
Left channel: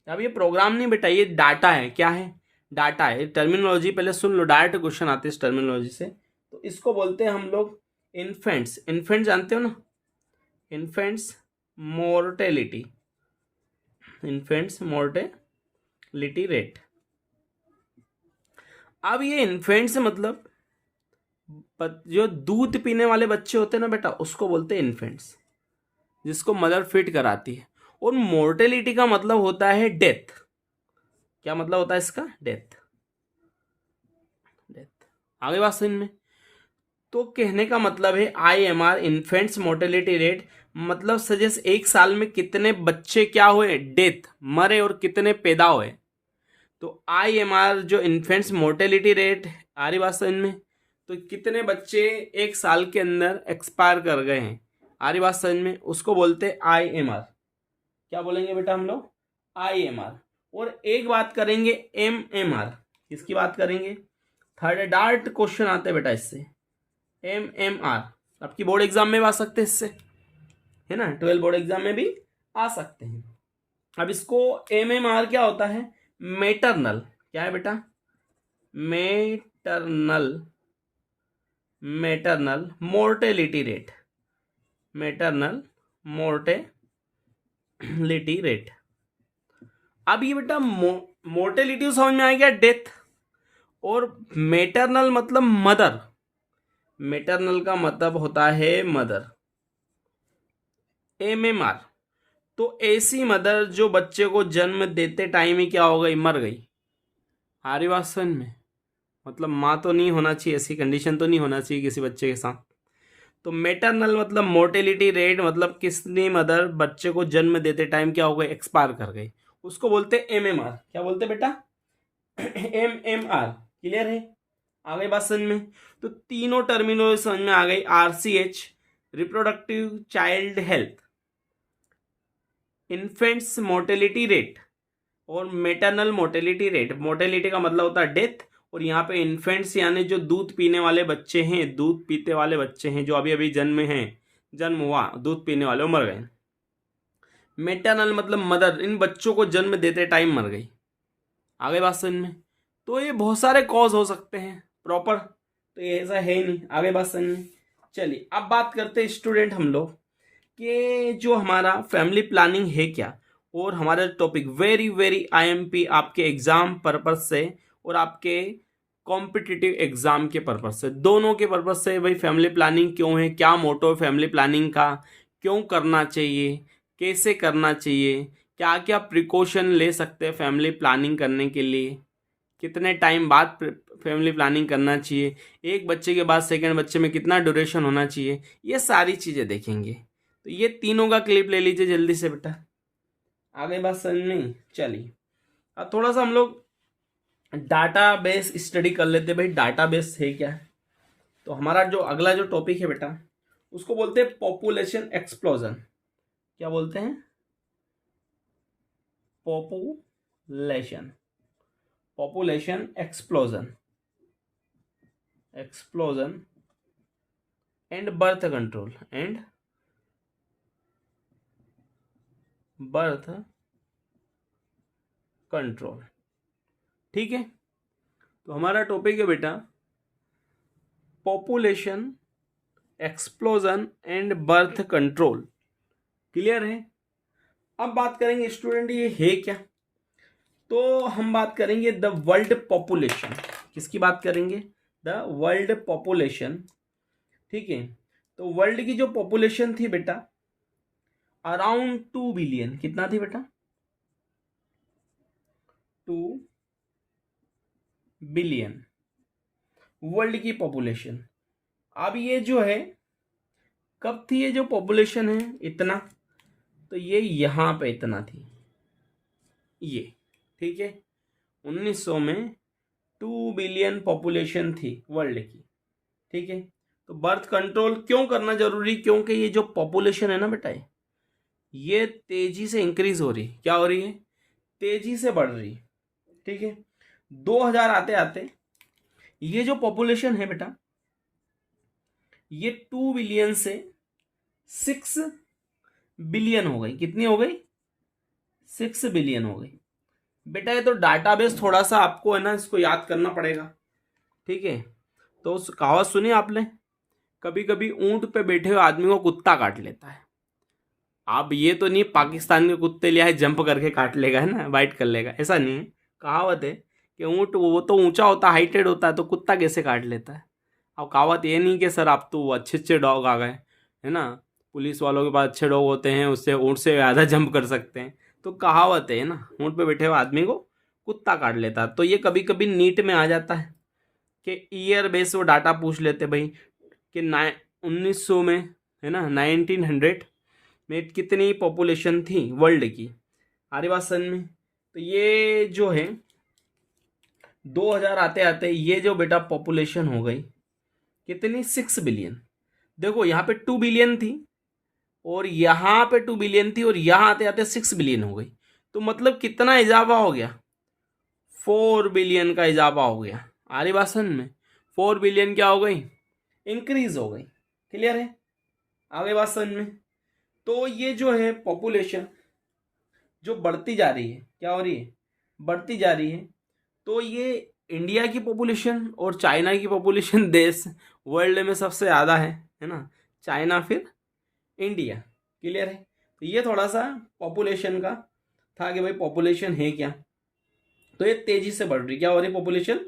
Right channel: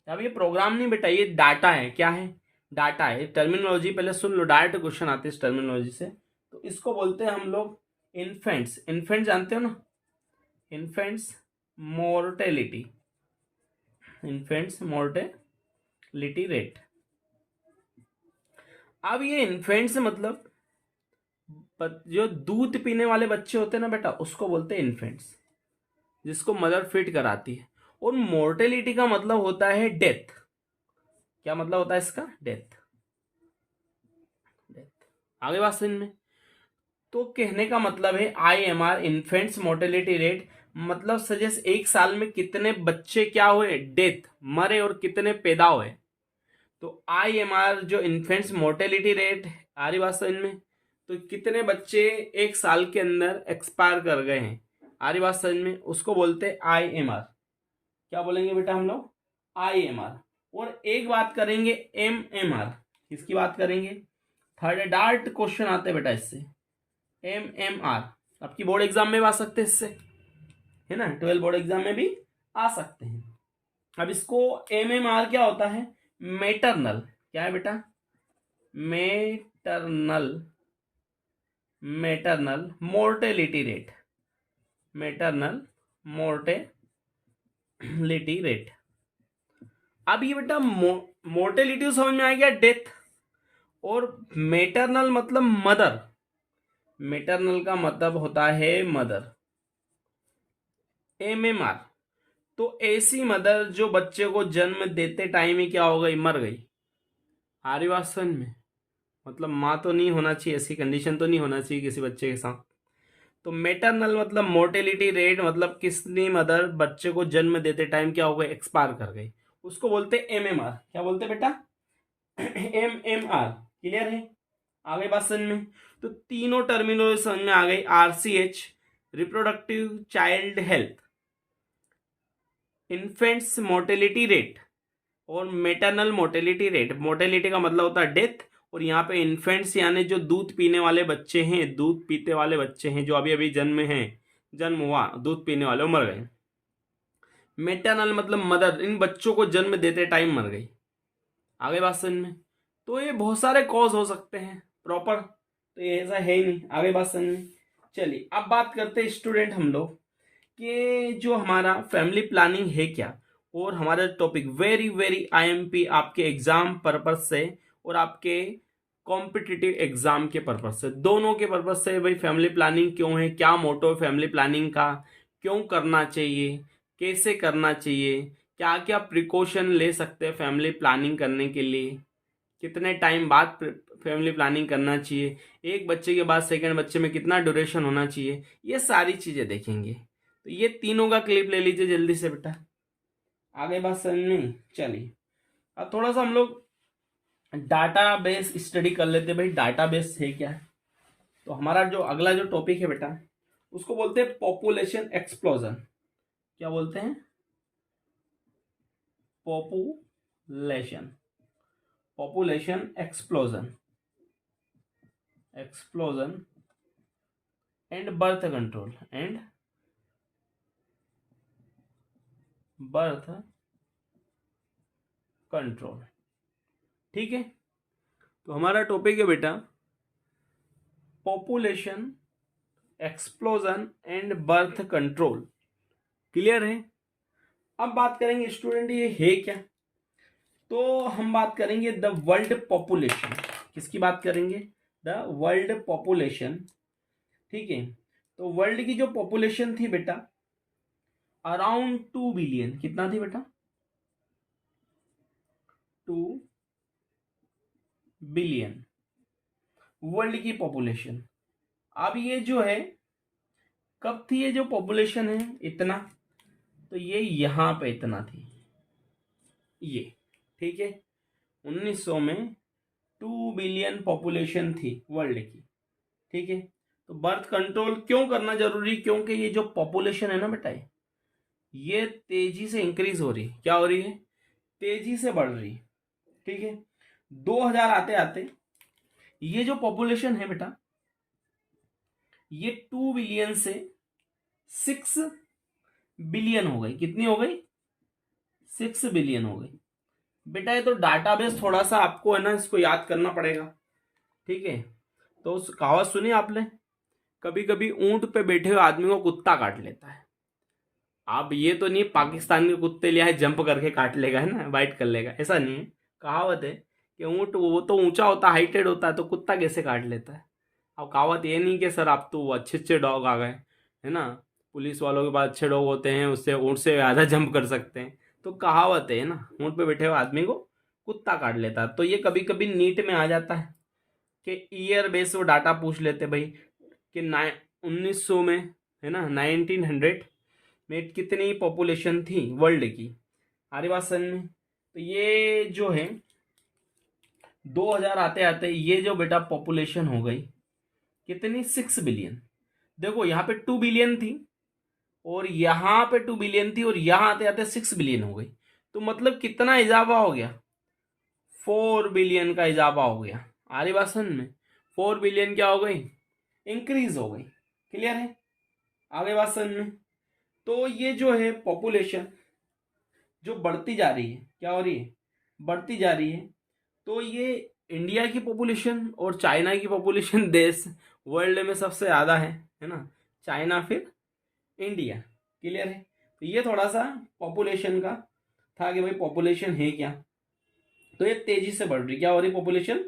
अब ये प्रोग्राम नहीं बेटा, ये डाटा है। क्या है? डाटा है। टर्मिनोलॉजी पहले सुन लो, डायरेक्ट क्वेश्चन आते हैं इस टर्मिनोलॉजी से। तो इसको बोलते हैं हम लोग इन्फेंट्स। इन्फेंट्स जानते हो ना, infants mortality, infants mortality rate. अब ये इन्फेंट्स मतलब जो दूध पीने वाले बच्चे होते हैं ना बेटा, उसको बोलते हैं इन्फेंट्स, जिसको मदर फीड कराती है। और मोर्टेलिटी का मतलब होता है डेथ। क्या मतलब होता है इसका? डेथ। डेथ। आगे बात समझ में? तो कहने का मतलब है आईएमआर, इन्फेंट्स मोर्टेलिटी रेट, मतलब सजेस्ट एक साल में कितने बच्चे क्या हुए, डेथ, मरे, और कितने पैदा हुए। तो आईएमआर जो इन्फेंट्स मोर्टेलिटी रेट, आ रही बात समझ में? तो कितने बच्चे एक साल के अंदर एक्सपायर कर गए हैं, आ रही बात समझ में? उसको बोलते हैं आईएमआर। क्या बोलेंगे बेटा हम लोग? आईएमआर। और एक बात करेंगे एमएमआर। किसकी बात करेंगे? थर्ड डार्ट क्वेश्चन आते हैं बेटा इससे। एमएमआर आपकी बोर्ड एग्जाम में भी आ सकते हैं इससे, है ना, 12 बोर्ड एग्जाम में भी आ सकते हैं। अब इसको एमएमआर क्या होता है? मेटरनल। क्या है बेटा? Maternal mortality rate, maternal mortality rate. अब ये बेटा मोर्टेलिटी समझ में आ गया, डेथ। और मेटरनल मतलब मदर, मेटरनल का मतलब होता है मदर। एमएमआर तो ऐसी मदर जो बच्चे को जन्म देते टाइम ही क्या हो गई, मर गई। आर्य बात समझ में? मतलब माँ तो नहीं होना चाहिए, ऐसी कंडीशन तो नहीं होना चाहिए किसी बच्चे के साथ। तो मेटरनल मतलब मोर्टेलिटी रेट, मतलब किसने मदर बच्चे को जन्म देते टाइम क्या हो गई, एक्सपायर कर गई, उसको बोलते एमएमआर। क्या बोलते बेटा? एमएमआर। क्लियर है? आगे बात समझ में? तो तीनों टर्मिनोलॉजी समझ में आ गई। RCH, reproductive child health, infants mortality rate, और मेटरनल मोर्टेलिटी रेट। मोर्टेलिटी का मतलब होता है डेथ, और यहाँ पे इन्फेंट्स यानी जो दूध पीने वाले बच्चे हैं, दूध पीते वाले बच्चे हैं जो अभी अभी जन्मे हैं, जन्म हुआ, दूध पीने वाले, वो मर गए। मेटरनल मतलब मदर, इन बच्चों को जन्म देते टाइम मर गई। आगे बात समझ में। तो ये बहुत सारे कॉज हो सकते हैं प्रॉपर, तो ये ऐसा है ही नहीं। आगे बात समझ में। चलिए अब बात करते हैं स्टूडेंट हम लोग कि जो हमारा फैमिली प्लानिंग है क्या, और हमारा टॉपिक वेरी वेरी आईएमपी आपके एग्जाम पर्पज से और आपके कॉम्पिटिटिव एग्जाम के पर्पज से, दोनों के पर्पज से भाई फैमिली प्लानिंग क्यों है, क्या मोटो है फैमिली प्लानिंग का, क्यों करना चाहिए, कैसे करना चाहिए, क्या क्या प्रिकॉशन ले सकते हैं फैमिली प्लानिंग करने के लिए, कितने टाइम बाद फैमिली प्लानिंग करना चाहिए, एक बच्चे के बाद सेकंड बच्चे में कितना ड्यूरेशन होना चाहिए, ये सारी चीज़ें देखेंगे। तो ये तीनों का क्लिप ले लीजिए जल्दी से बेटा। आगे बात समझ में। चलिए अब थोड़ा सा हम लोग डाटा बेस स्टडी कर लेते भाई, डाटा बेस है क्या। तो हमारा जो अगला जो टॉपिक है बेटा, उसको बोलते हैं पॉपुलेशन एक्सप्लोजन। क्या बोलते हैं? Population, population explosion, explosion and birth control, and birth control. ठीक है, तो हमारा टॉपिक है बेटा population explosion and birth control. Clear है? अब बात करेंगे स्टूडेंट ये है क्या। तो हम बात करेंगे द वर्ल्ड पॉपुलेशन। किसकी बात करेंगे? The world population. ठीक है, तो वर्ल्ड की जो पॉपुलेशन थी बेटा अराउंड 2 बिलियन। कितना थी बेटा? 2 बिलियन वर्ल्ड की पॉपुलेशन। अब ये जो है कब थी, ये जो पॉपुलेशन है इतना, तो ये यहां पे इतना थी ये। ठीक है, 1900 में 2 बिलियन पॉपुलेशन थी वर्ल्ड की। ठीक है, तो बर्थ कंट्रोल क्यों करना जरूरी? क्योंकि ये जो पॉपुलेशन है ना बेटा ये तेजी से इंक्रीज हो रही। क्या हो रही है? तेजी से बढ़ रही। ठीक है, 2000 आते आते ये जो पॉपुलेशन है बेटा ये 2 बिलियन से 6 बिलियन हो गई। कितनी हो गई? 6 बिलियन हो गई। बेटा ये तो डाटाबेस थोड़ा सा आपको है ना इसको याद करना पड़ेगा। ठीक है, तो उस कहावत सुनी आपने, कभी कभी ऊंट पे बैठे हुए आदमी को कुत्ता काट लेता है। आप ये तो नहीं पाकिस्तान के कुत्ते लिया है जंप करके काट लेगा, है ना, बाइट कर लेगा, ऐसा नहीं है। कहावत है कि ऊंट वो तो ऊंचा होता है, हाइटेड होता है, तो कुत्ता कैसे काट लेता है। अब कहावत ये नहीं कि सर आप तो अच्छे अच्छे डॉग आ गए, है ना, पुलिस वालों के पास अच्छे डॉग होते हैं, उससे ऊंट से ज़्यादा जंप कर सकते हैं। तो कहावत है ना, ऊंट पे बैठे हुए आदमी को कुत्ता काट लेता है। तो ये कभी कभी नीट में आ जाता है कि ईयर बेस वो डाटा पूछ लेते भाई कि 1900 में, है ना, 1900 में कितनी पॉपुलेशन थी वर्ल्ड की। आरे बात समझ में। तो ये जो है 2000 आते आते ये जो बेटा पॉपुलेशन हो गई कितनी? 6 बिलियन। देखो यहाँ पे 2 बिलियन थी और यहाँ पे 2 बिलियन थी और यहाँ आते आते 6 बिलियन हो गई। तो मतलब कितना इजाफा हो गया? 4 बिलियन का इजाफा हो गया। आरी बात समझ में। 4 बिलियन क्या हो गई? इंक्रीज हो गई। क्लियर है? आगे बात समझ में। तो ये जो है पॉपुलेशन जो बढ़ती जा रही है, क्या हो रही है? बढ़ती जा रही है। तो ये इंडिया की पॉपुलेशन और चाइना की पॉपुलेशन देश वर्ल्ड में सबसे ज़्यादा है ना, चाइना फिर इंडिया। क्लियर है? तो ये थोड़ा सा पॉपुलेशन का था कि भाई पॉपुलेशन है क्या। तो ये तेजी से बढ़ रही। क्या हो रही? पॉपुलेशन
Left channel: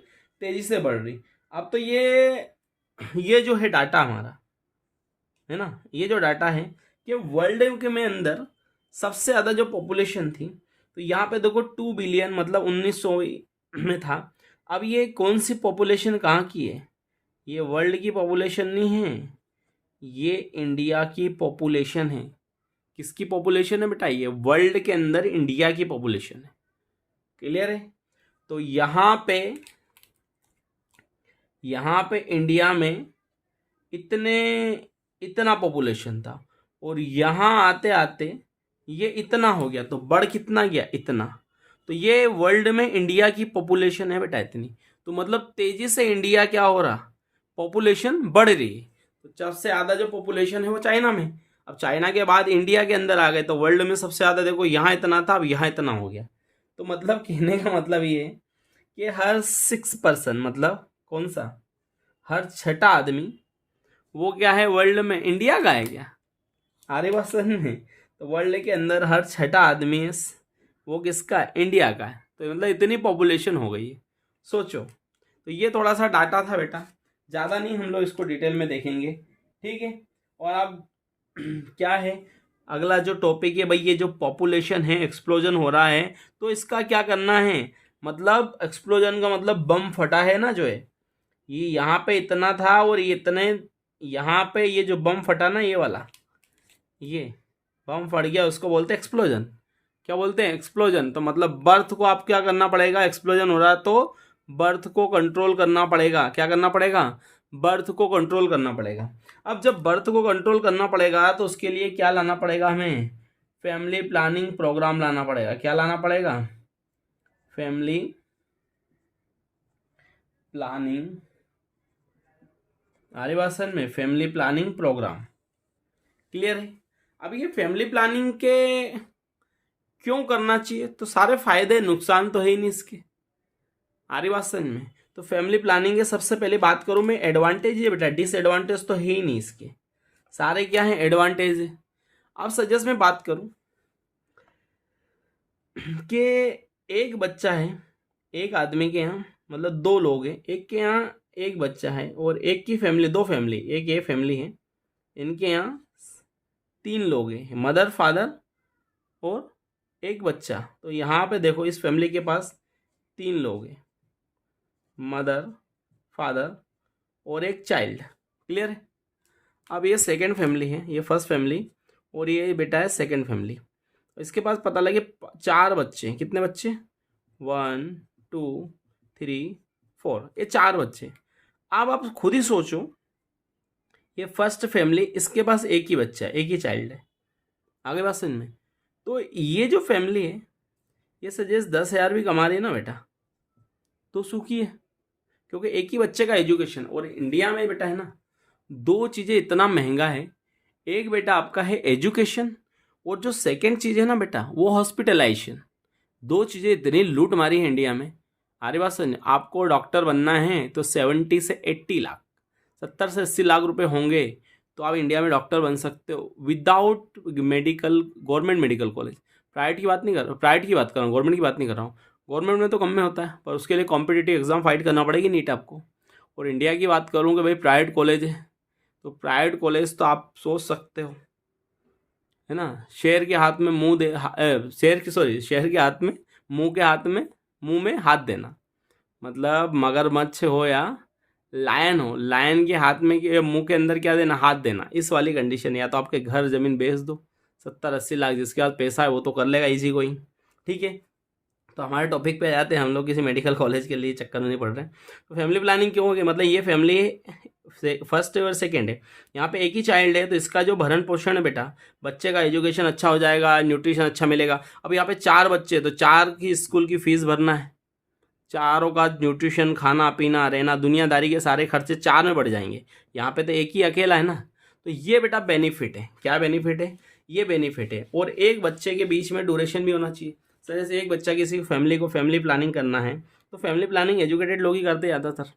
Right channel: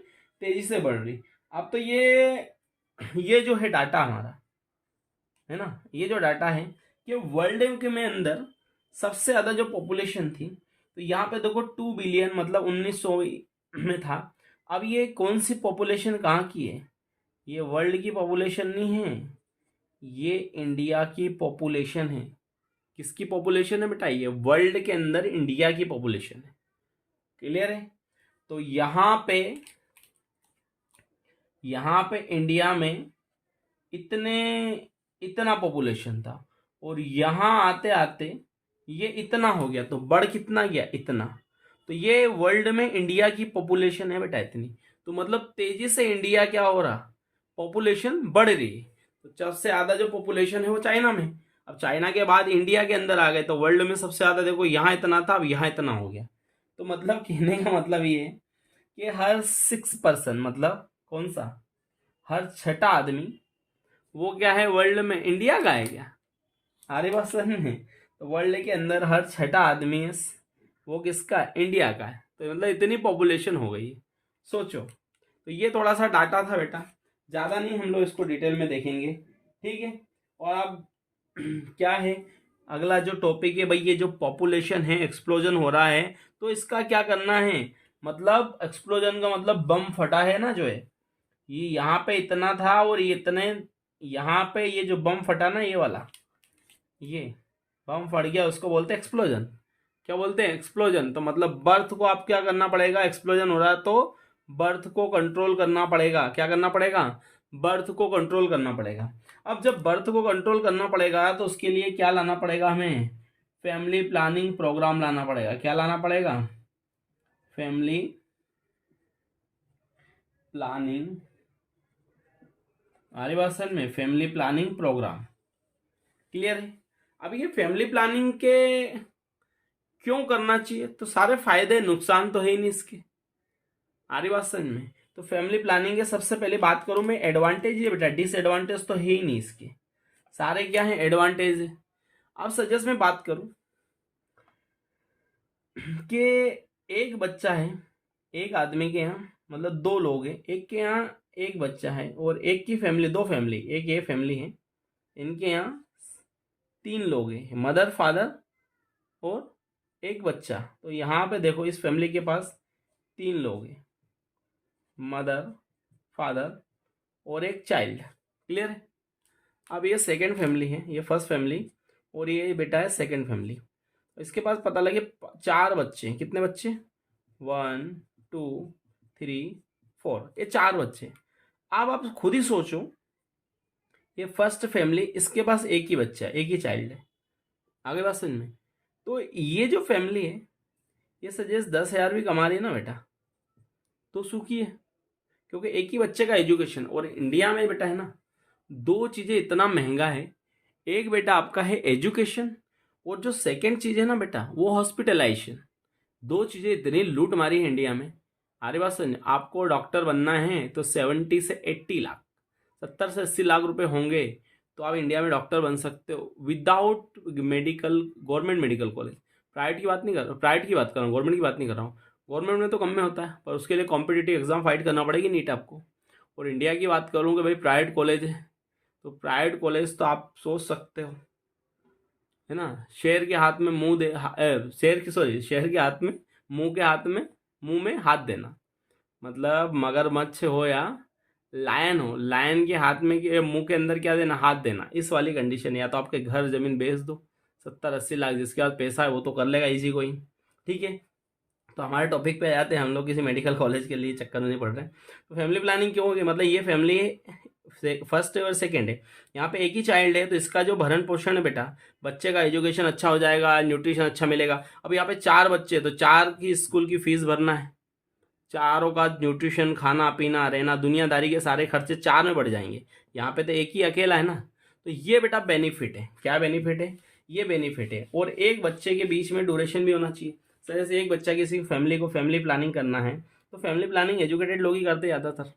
तेजी से बढ़ रही। अब तो ये जो है डाटा हमारा, है ना, ये जो डाटा है कि वर्ल्ड के में अंदर सबसे ज़्यादा जो पॉपुलेशन थी, तो यहाँ पे देखो 2 बिलियन मतलब 1900 में था। अब ये कौन सी पॉपुलेशन कहाँ की है? ये वर्ल्ड की पॉपुलेशन नहीं है, ये इंडिया की पॉपुलेशन है। किसकी पॉपुलेशन है बेटा? ये वर्ल्ड के अंदर इंडिया की पॉपुलेशन है। क्लियर है? तो यहाँ पे इंडिया में इतना पॉपुलेशन था और यहाँ आते आते ये इतना हो गया। तो बढ़ कितना गया? इतना। तो ये वर्ल्ड में इंडिया की पॉपुलेशन है बेटा इतनी। तो मतलब तेजी से इंडिया क्या हो रहा? पॉपुलेशन बढ़ रही है। तो सबसे ज़्यादा जो पॉपुलेशन है वो चाइना में। अब चाइना के बाद इंडिया के अंदर आ गए, तो वर्ल्ड में सबसे ज़्यादा देखो, यहाँ इतना था अब यहाँ इतना हो गया। तो मतलब कहने का मतलब ये है कि हर 6 पर्सन, मतलब कौन सा, हर छठा आदमी वो क्या है वर्ल्ड में, इंडिया का है क्या, अरे बात समझ में। तो वर्ल्ड के अंदर हर छठा आदमी है वो किसका है, इंडिया का है। तो मतलब इतनी पॉपुलेशन हो गई है, सोचो। तो ये थोड़ा सा डाटा था बेटा, ज़्यादा नहीं हम लोग इसको डिटेल में देखेंगे, ठीक है। और अब क्या है अगला जो टॉपिक है भाई, ये जो पॉपुलेशन है एक्सप्लोजन हो रहा है, तो इसका क्या करना है, मतलब एक्सप्लोजन का मतलब बम फटा है ना जो है, ये यहाँ पे इतना था और ये इतने, यहाँ पे ये जो बम फटा ना ये वाला, ये बम फट गया, उसको बोलते हैं एक्सप्लोजन। क्या बोलते हैं, एक्सप्लोजन। तो मतलब बर्थ को आप क्या करना पड़ेगा, एक्सप्लोजन हो रहा है तो बर्थ को कंट्रोल करना पड़ेगा। क्या करना पड़ेगा, बर्थ को कंट्रोल करना पड़ेगा। अब जब बर्थ को कंट्रोल करना पड़ेगा तो उसके लिए क्या लाना पड़ेगा हमें, फैमिली प्लानिंग प्रोग्राम लाना पड़ेगा। क्या लाना पड़ेगा, फैमिली प्लानिंग, हमारी बात सर में, फैमिली प्लानिंग प्रोग्राम। क्लियर है। अब ये फैमिली प्लानिंग के क्यों करना चाहिए, तो सारे फायदे नुकसान तो है ही नहीं इसके, आ रही बात समझ में। तो फैमिली प्लानिंग के सबसे पहले बात करूं मैं, एडवांटेज है बेटा, डिसएडवांटेज तो है ही नहीं इसके, सारे क्या है एडवांटेज है। अब सजेस्ट में बात करूं कि एक बच्चा है, एक आदमी के यहाँ मतलब 2 लोग हैं, एक के यहाँ एक बच्चा है और एक की फैमिली, 2 फैमिली, एक ये फैमिली है, इनके यहाँ 3 लोग हैं, मदर फादर और एक बच्चा। तो यहाँ पे देखो इस फैमिली के पास 3 लोग हैं, मदर फादर और एक चाइल्ड। क्लियर है। अब ये सेकंड फैमिली है, ये फर्स्ट फैमिली और ये बेटा है सेकंड फैमिली। तो इसके पास पता लगे 4 बच्चे हैं। कितने बच्चे, 1 2 3 4, ये 4 बच्चे। अब आप खुद ही सोचो, ये फर्स्ट फैमिली, इसके पास एक ही बच्चा है, एक ही चाइल्ड है, आगे बात समझ में। तो ये जो फैमिली है ये सजेस्ट 10,000 भी कमा रही है ना बेटा, तो सुखी है, क्योंकि एक ही बच्चे का एजुकेशन। और इंडिया में बेटा है ना, 2 चीज़ें इतना महंगा है, एक बेटा आपका है एजुकेशन और जो सेकंड चीज़ है ना बेटा वो हॉस्पिटलाइजेशन। 2 चीज़ें इतनी लूट मारी है इंडिया में, हमारी बात सुन। आपको डॉक्टर बनना है तो 70 से 80 लाख, 70 से 80 लाख रुपए होंगे तो आप इंडिया में डॉक्टर बन सकते हो without medical, government medical college. Private की बात नहीं कर रहा हूँ, प्राइवेट की बात कर रहा हूँ, गवर्नमेंट की बात नहीं कर रहा हूँ। गवर्नमेंट में तो कम में होता है, पर उसके लिए कॉम्पिटिटिव एग्जाम फाइट करना पड़ेगी, नीट आपको। और इंडिया की बात करूँ कि भाई प्राइवेट कॉलेज है, तो प्राइवेट कॉलेज तो आप सोच सकते हो, है ना, शेर के हाथ में मुंह दे, शेर की, सॉरी, शेर के हाथ में, मुंह के हाथ में, मुंह में हाथ देना, मतलब मगरमच्छ हो या लायन हो, लायन के हाथ में मुंह के अंदर क्या देना, हाथ देना, इस वाली कंडीशन। या तो आपके घर जमीन बेच दो 70-80 लाख, जिसके पास पैसा है वो तो कर लेगा इजी कोई, ठीक है। तो हमारे टॉपिक पे आ जाते हैं, हम लोग किसी मेडिकल कॉलेज के लिए चक्कर में नहीं पड़ रहे हैं। तो फैमिली प्लानिंग क्यों होगी, मतलब ये फैमिली फर्स्ट है और सेकेंड है, यहाँ पे एक ही चाइल्ड है, तो इसका जो भरण पोषण है बेटा, बच्चे का एजुकेशन अच्छा हो जाएगा, न्यूट्रिशन अच्छा मिलेगा। अब यहाँ पे 4 बच्चे, तो 4 की स्कूल की फीस भरना है, चारों का न्यूट्रिशन, खाना पीना रहना, दुनियादारी के सारे खर्चे 4 में बढ़ जाएंगे। यहाँ पे तो एक ही अकेला है ना। तो ये बेटा बेनिफिट है, क्या बेनिफिट है, ये बेनिफिट है। और एक बच्चे के बीच में ड्यूरेशन भी होना चाहिए। सर जैसे एक बच्चा किसी फैमिली को फैमिली प्लानिंग करना है, तो फैमिली प्लानिंग एजुकेटेड लोग ही करते ज़्यादातर।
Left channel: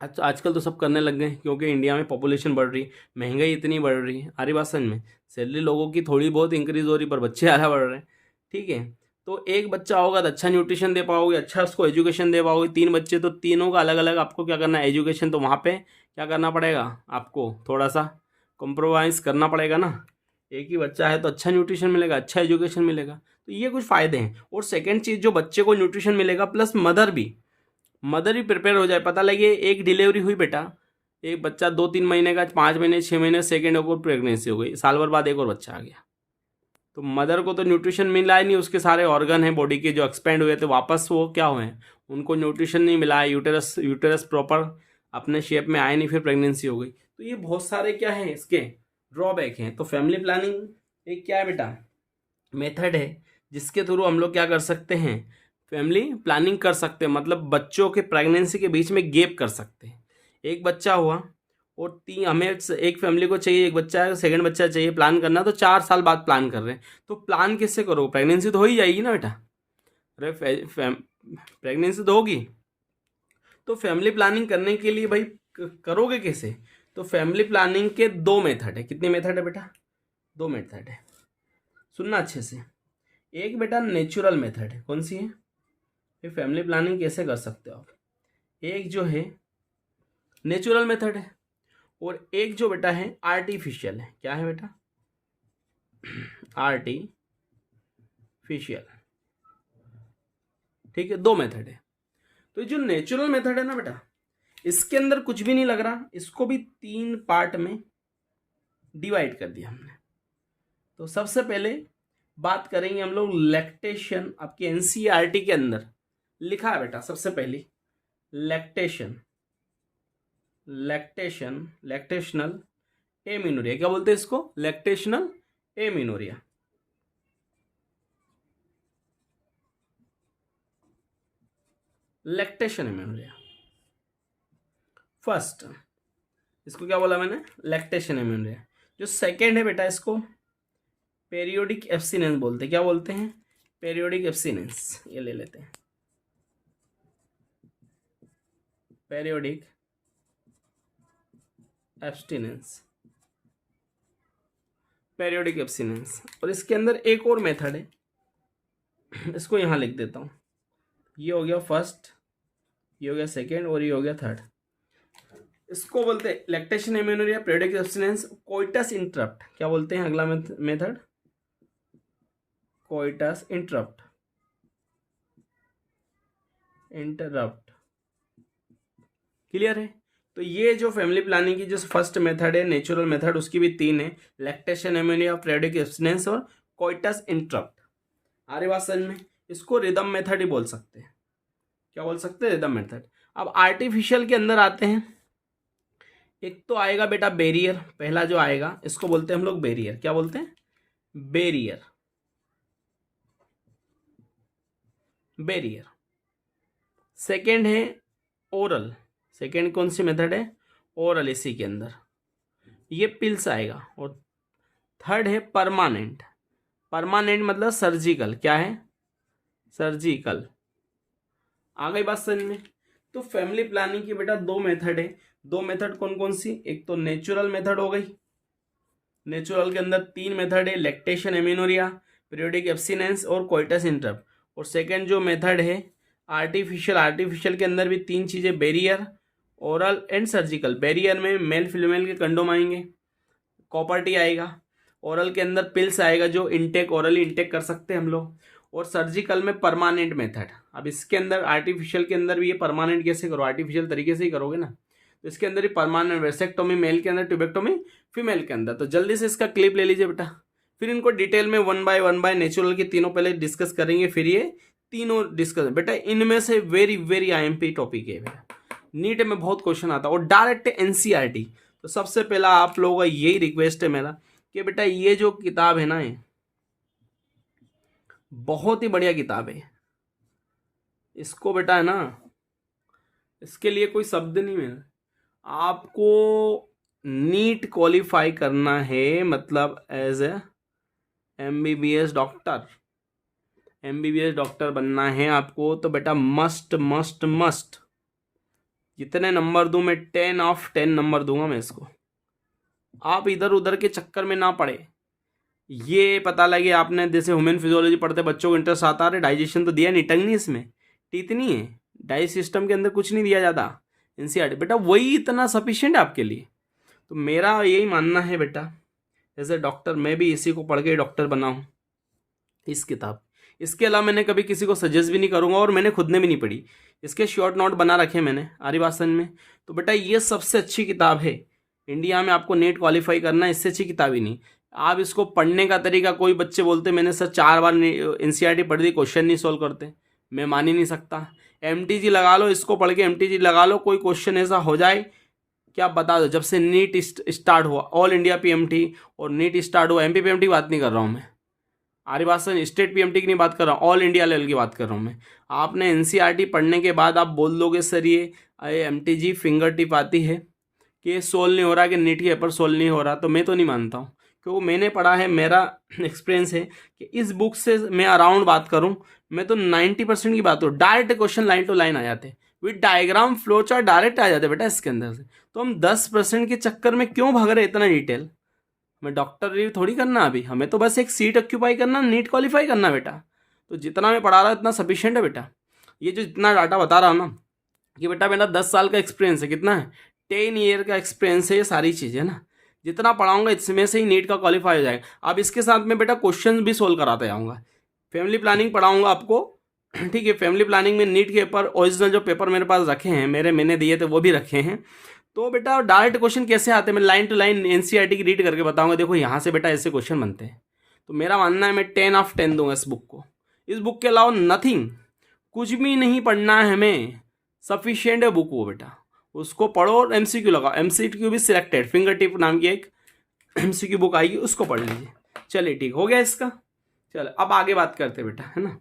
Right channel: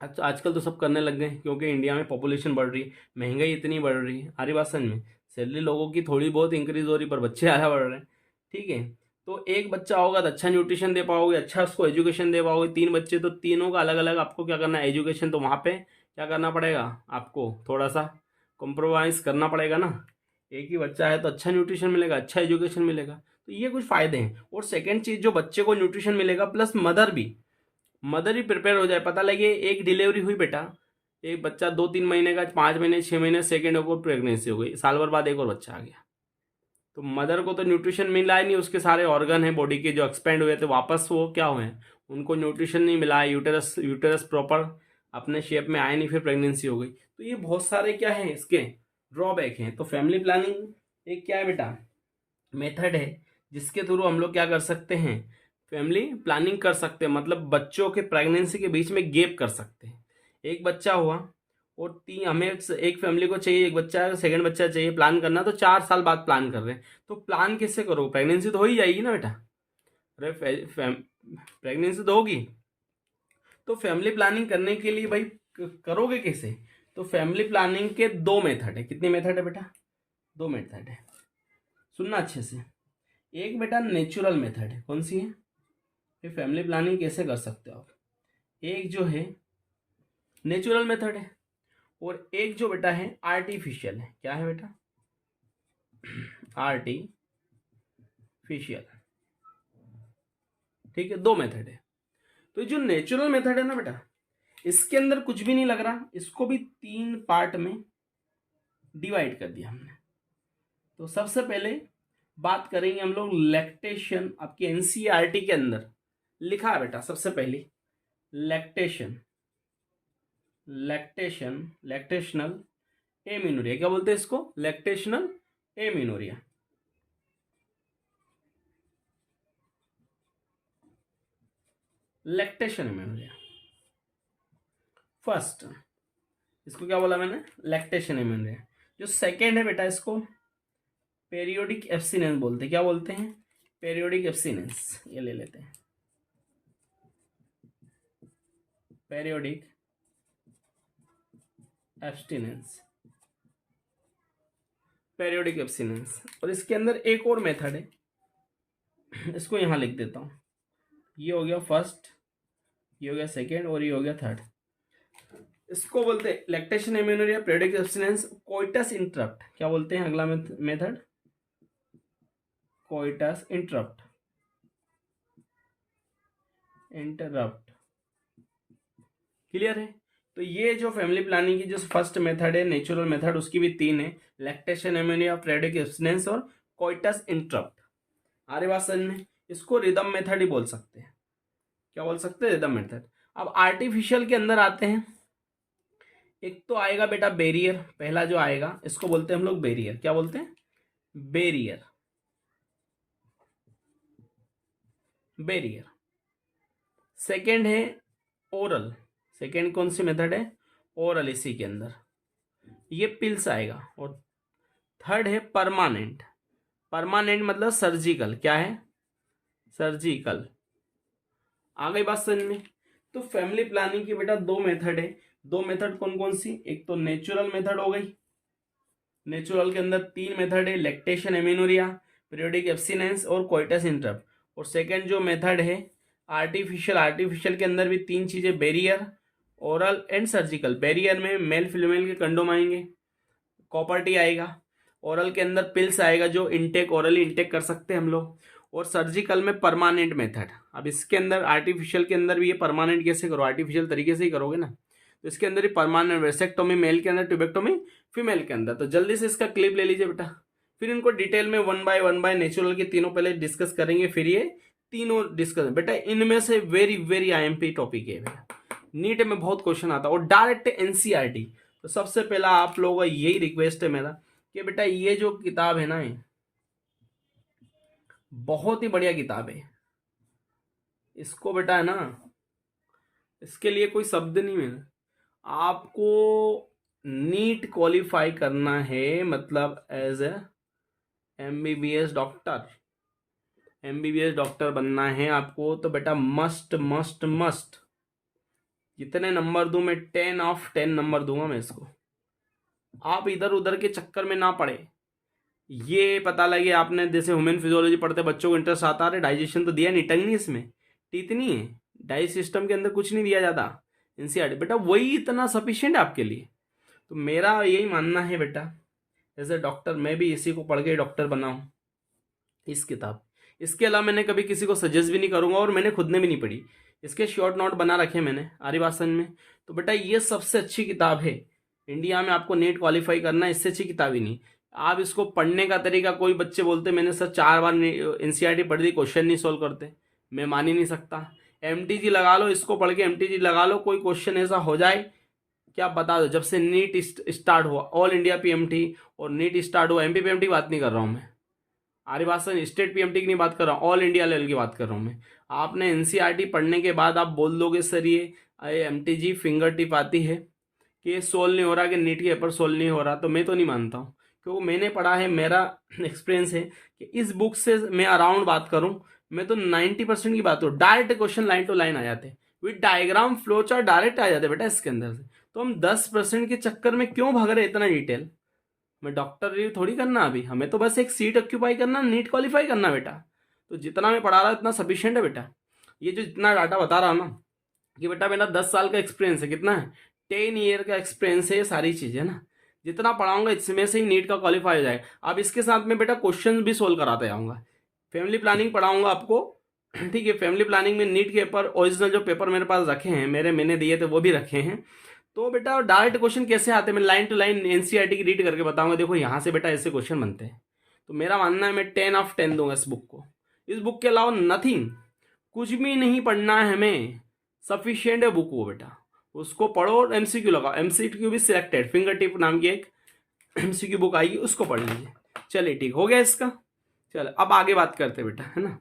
अच्छा आजकल तो सब करने लग गए, क्योंकि इंडिया में पॉपुलेशन बढ़ रही है, महंगाई इतनी बढ़ रही है, हरी बात समझ में। सैलरी लोगों की थोड़ी बहुत इंक्रीज हो रही, पर बच्चे ज़्यादा बढ़ रहे हैं, ठीक है। तो एक बच्चा होगा तो अच्छा न्यूट्रिशन दे पाओगे, अच्छा उसको एजुकेशन दे पाओगे। 3 बच्चे तो तीनों का अलग अलग आपको क्या करना है, एजुकेशन। तो वहाँ पे क्या करना पड़ेगा, आपको थोड़ा सा कॉम्प्रोमाइज़ करना पड़ेगा ना। एक ही बच्चा है तो अच्छा न्यूट्रिशन मिलेगा, अच्छा एजुकेशन मिलेगा, तो ये कुछ फ़ायदे हैं। और सेकेंड चीज़, जो बच्चे को न्यूट्रिशन मिलेगा प्लस मदर भी प्रिपेयर हो जाए। पता लगे एक डिलीवरी हुई बेटा, एक बच्चा 2-3 महीने का, 5 महीने 6 महीने, सेकेंड को प्रेगनेंसी हो गई, साल भर बाद एक और बच्चा आ गया, तो मदर को तो न्यूट्रिशन मिला ही नहीं, उसके सारे ऑर्गन हैं बॉडी के जो एक्सपेंड हुए थे वापस वो क्या हुए, उनको न्यूट्रिशन नहीं मिला, यूटेरस प्रॉपर अपने शेप में आए नहीं, फिर प्रेगनेंसी हो गई। तो ये बहुत सारे क्या है इसके ड्रॉबैक हैं। तो फैमिली प्लानिंग एक क्या है बेटा, मेथड है जिसके थ्रू हम लोग क्या कर सकते हैं, फैमिली प्लानिंग कर सकते हैं। मतलब बच्चों के प्रेगनेंसी के बीच में गैप कर सकते हैं। एक बच्चा हुआ और हमें एक फैमिली को चाहिए, एक बच्चा, सेकंड बच्चा चाहिए, प्लान करना, तो 4 साल बाद प्लान कर रहे हैं, तो प्लान किससे करो? प्रेगनेंसी तो हो ही जाएगी ना बेटा। अरे प्रेगनेंसी तो होगी, तो फैमिली प्लानिंग करने के लिए भाई करोगे कैसे? तो फैमिली प्लानिंग के 2 मेथड है। कितनी मेथड है बेटा? 2 मेथड है, सुनना अच्छे से। एक बेटा नेचुरल मेथड है, कौन सी है? फिर फैमिली प्लानिंग कैसे कर सकते हो आप? एक जो है नेचुरल मेथड है, और एक जो बेटा है आर्टिफिशियल है। क्या है बेटा? आर्टिफिशियल। ठीक है, 2 मेथड है। तो जो नेचुरल मेथड है ना बेटा, इसके अंदर कुछ भी नहीं लग रहा, इसको भी 3 पार्ट में डिवाइड कर दिया हमने। तो सबसे पहले बात करेंगे हम लोग लैक्टेशन। आपके एनसीईआरटी के अंदर लिखा है बेटा, सबसे पहले लैक्टेशन, लैक्टेशनल एमिनोरिया। क्या बोलते हैं इसको? Lactational amenorrhoea. Lactation amenorrhoea first, इसको क्या बोला मैंने? Lactation amenorrhoea. जो सेकेंड है बेटा, इसको पेरियोडिक एब्स्टिनेंस बोलते हैं। क्या बोलते हैं? Periodic abstinence. ये ले लेते हैं, पेरियोडिक एब्स्टिनेंस, पेरियोडिक एब्स्टिनेंस। और इसके अंदर एक और मेथड है, इसको यहां लिख देता हूं। ये हो गया फर्स्ट, ये हो गया सेकेंड, और ये हो गया थर्ड। इसको बोलते हैं lactation amenorrhoea, periodic abstinence, coitus interrupt. क्या बोलते हैं अगला मेथड? Coitus interrupt. क्लियर है? तो ये जो फैमिली प्लानिंग की जो फर्स्ट मेथड है, नेचुरल मेथड, उसकी भी 3 है, लैक्टेशन एमिनोरिया, पेरियोडिक एब्स्टिनेंस और कोइटस इंटरप्ट। आ रही बात समझ में? इसको रिदम मेथड ही बोल सकते हैं। क्या बोल सकते हैं? Rhythm method. अब आर्टिफिशियल के अंदर आते हैं। एक तो आएगा बेटा बैरियर, पहला जो आएगा इसको बोलते हैं हम लोग बैरियर। क्या बोलते हैं? Barrier, barrier. सेकेंड है ओरल। सेकेंड कौन सी मेथड है? ओरल। इसी के अंदर ये पिल्स आएगा। और थर्ड है परमानेंट। परमानेंट मतलब सर्जिकल। क्या है? सर्जिकल। आ गई बात समझ में? तो फैमिली प्लानिंग की बेटा 2 मेथड है। 2 मेथड कौन कौन सी? एक तो नेचुरल मेथड हो गई, नेचुरल के अंदर 3 मेथड है, लैक्टेशन एमिनोरिया, पीरियोडिक एब्स्टिनेंस और कोइटस इंटरप्ट। और सेकंड जो मेथड है आर्टिफिशियल, आर्टिफिशियल के अंदर भी 3 चीजें, barrier, oral and surgical. Barrier में मेल फीमेल के कंडोम आएंगे, कॉपर टी आएगा। ओरल के अंदर पिल्स आएगा जो इंटेक, ओरली इंटेक कर सकते हैं हम लोग। और सर्जिकल में परमानेंट मेथड। अब इसके अंदर आर्टिफिशियल के अंदर भी ये परमानेंट कैसे करो? आर्टिफिशियल तरीके से ही करोगे ना। तो इसके अंदर ही परमानेंट, वेसेक्टोमी मेल के अंदर, ट्यूबेक्टोमी फीमेल के अंदर। तो जल्दी से इसका क्लिप ले लीजिए बेटा, फिर इनको डिटेल में 1 बाय नेचुरल के तीनों पहले डिस्कस करेंगे, फिर ये तीनों डिस्कस। बेटा इनमें से वेरी वेरी आईएमपी टॉपिक है, नीट में बहुत क्वेश्चन आता है और डायरेक्ट एनसीईआरटी। तो सबसे पहला आप लोगों का यही रिक्वेस्ट है मेरा कि बेटा ये जो किताब है ना, ये बहुत ही बढ़िया किताब है। इसको बेटा है ना, इसके लिए कोई शब्द नहीं है। आपको नीट क्वालिफाई करना है, मतलब as a MBBS doctor, MBBS doctor बनना है आपको, तो बेटा मस्ट मस्ट मस्ट। कितने नंबर दूं मैं? 10/10 नंबर दूंगा मैं इसको। आप इधर उधर के चक्कर में ना पड़े। ये पता लगे आपने जैसे ह्यूमन फिजियोलॉजी पढ़ते बच्चों को इंटरेस्ट आता है, डाइजेशन तो दिया नहीं, टंग नहीं, इसमें टीथ नहीं है, डाइजेस्ट सिस्टम के अंदर कुछ नहीं दिया जाता एनसीईआरटी। बेटा वही इतना सफिशिएंट है आपके लिए। तो मेरा यही मानना है बेटा, एज ए डॉक्टर मैं भी इसी को पढ़ के डॉक्टर बना हूँ, इस किताब। इसके अलावा मैंने कभी किसी को सजेस्ट भी नहीं करूँगा, और मैंने खुद ने भी नहीं पढ़ी। इसके शॉर्ट नोट बना रखे मैंने आरी भाषण में। तो बेटा ये सबसे अच्छी किताब है इंडिया में, आपको नेट क्वालिफाई करना, इससे अच्छी किताब ही नहीं। आप इसको पढ़ने का तरीका, कोई बच्चे बोलते मैंने सर 4 बार एनसीईआरटी पढ़ दी, क्वेश्चन नहीं सोल्व करते। मैं मान ही नहीं सकता। एमटीजी लगा लो, इसको पढ़ के एमटीजी लगा लो, कोई क्वेश्चन ऐसा हो जाए क्या बता दो। जब से नीट स्टार्ट हुआ, ऑल इंडिया पीएमटी और नीट स्टार्ट हुआ, एमपी पीएमटी की बात नहीं कर रहा हूँ मैं, आरी भाषण स्टेट पीएमटी की नहीं बात कर रहा हूँ, ऑल इंडिया लेवल की बात कर रहा हूँ मैं। आपने एनसीईआरटी पढ़ने के बाद आप बोल दोगे सर ये एमटीजी फिंगर टिप आती है, कि सोल्व नहीं हो रहा, कि नीट के पेपर सोल्व नहीं हो रहा, तो मैं तो नहीं मानता हूँ, क्योंकि मैंने पढ़ा है, मेरा एक्सपीरियंस है कि इस बुक से मैं अराउंड बात करूँ, मैं तो 90% की बात हूँ, direct question line to line आ जाते, with diagram flow chart direct आ जाते बेटा इसके अंदर से। तो हम 10% के चक्कर में क्यों भाग रहे इतना डिटेल? हमें डॉक्टर रिव्यू थोड़ी करना अभी, हमें तो बस एक सीट ऑक्यूपाई करना, नीट क्वालिफाई करना बेटा। तो जितना मैं पढ़ा रहा हूँ इतना सफिशियंट है बेटा। ये जो जितना डाटा बता रहा हूँ ना, कि बेटा मेरा 10 साल का एक्सपीरियंस है, कितना है, 10 ईयर का एक्सपीरियंस है, ये सारी चीज़ें ना, जितना पढ़ाऊंगा इसमें से ही नीट का क्वालिफाई हो जाएगा। अब इसके साथ में बेटा क्वेश्चन भी सोल्व कराते जाऊँगा, फैमिली प्लानिंग पढ़ाऊंगा आपको, ठीक है। फैमिली प्लानिंग में नीट के पेपर, ओरिजिनल जो पेपर मेरे पास रखे हैं, मैंने दिए थे वो भी रखे हैं। तो बेटा डायरेक्ट क्वेश्चन कैसे आते हैं, मैं लाइन टू लाइन एनसीईआरटी की रीड करके बताऊंगा, देखो यहाँ से बेटा ऐसे क्वेश्चन बनते हैं। तो मेरा मानना है मैं 10/10 दूंगा इस बुक को। इस बुक के अलावा नथिंग, कुछ भी नहीं पढ़ना है हमें, सफिशियंट है बुक वो बेटा। उसको पढ़ो और एमसीक्यू लगाओ, एमसीक्यू भी सिलेक्टेड, फिंगर टिप नाम की एक एमसीक्यू बुक आएगी, उसको पढ़ लीजिए। चलिए ठीक हो गया इसका। चलो अब आगे बात करते बेटा, है ना।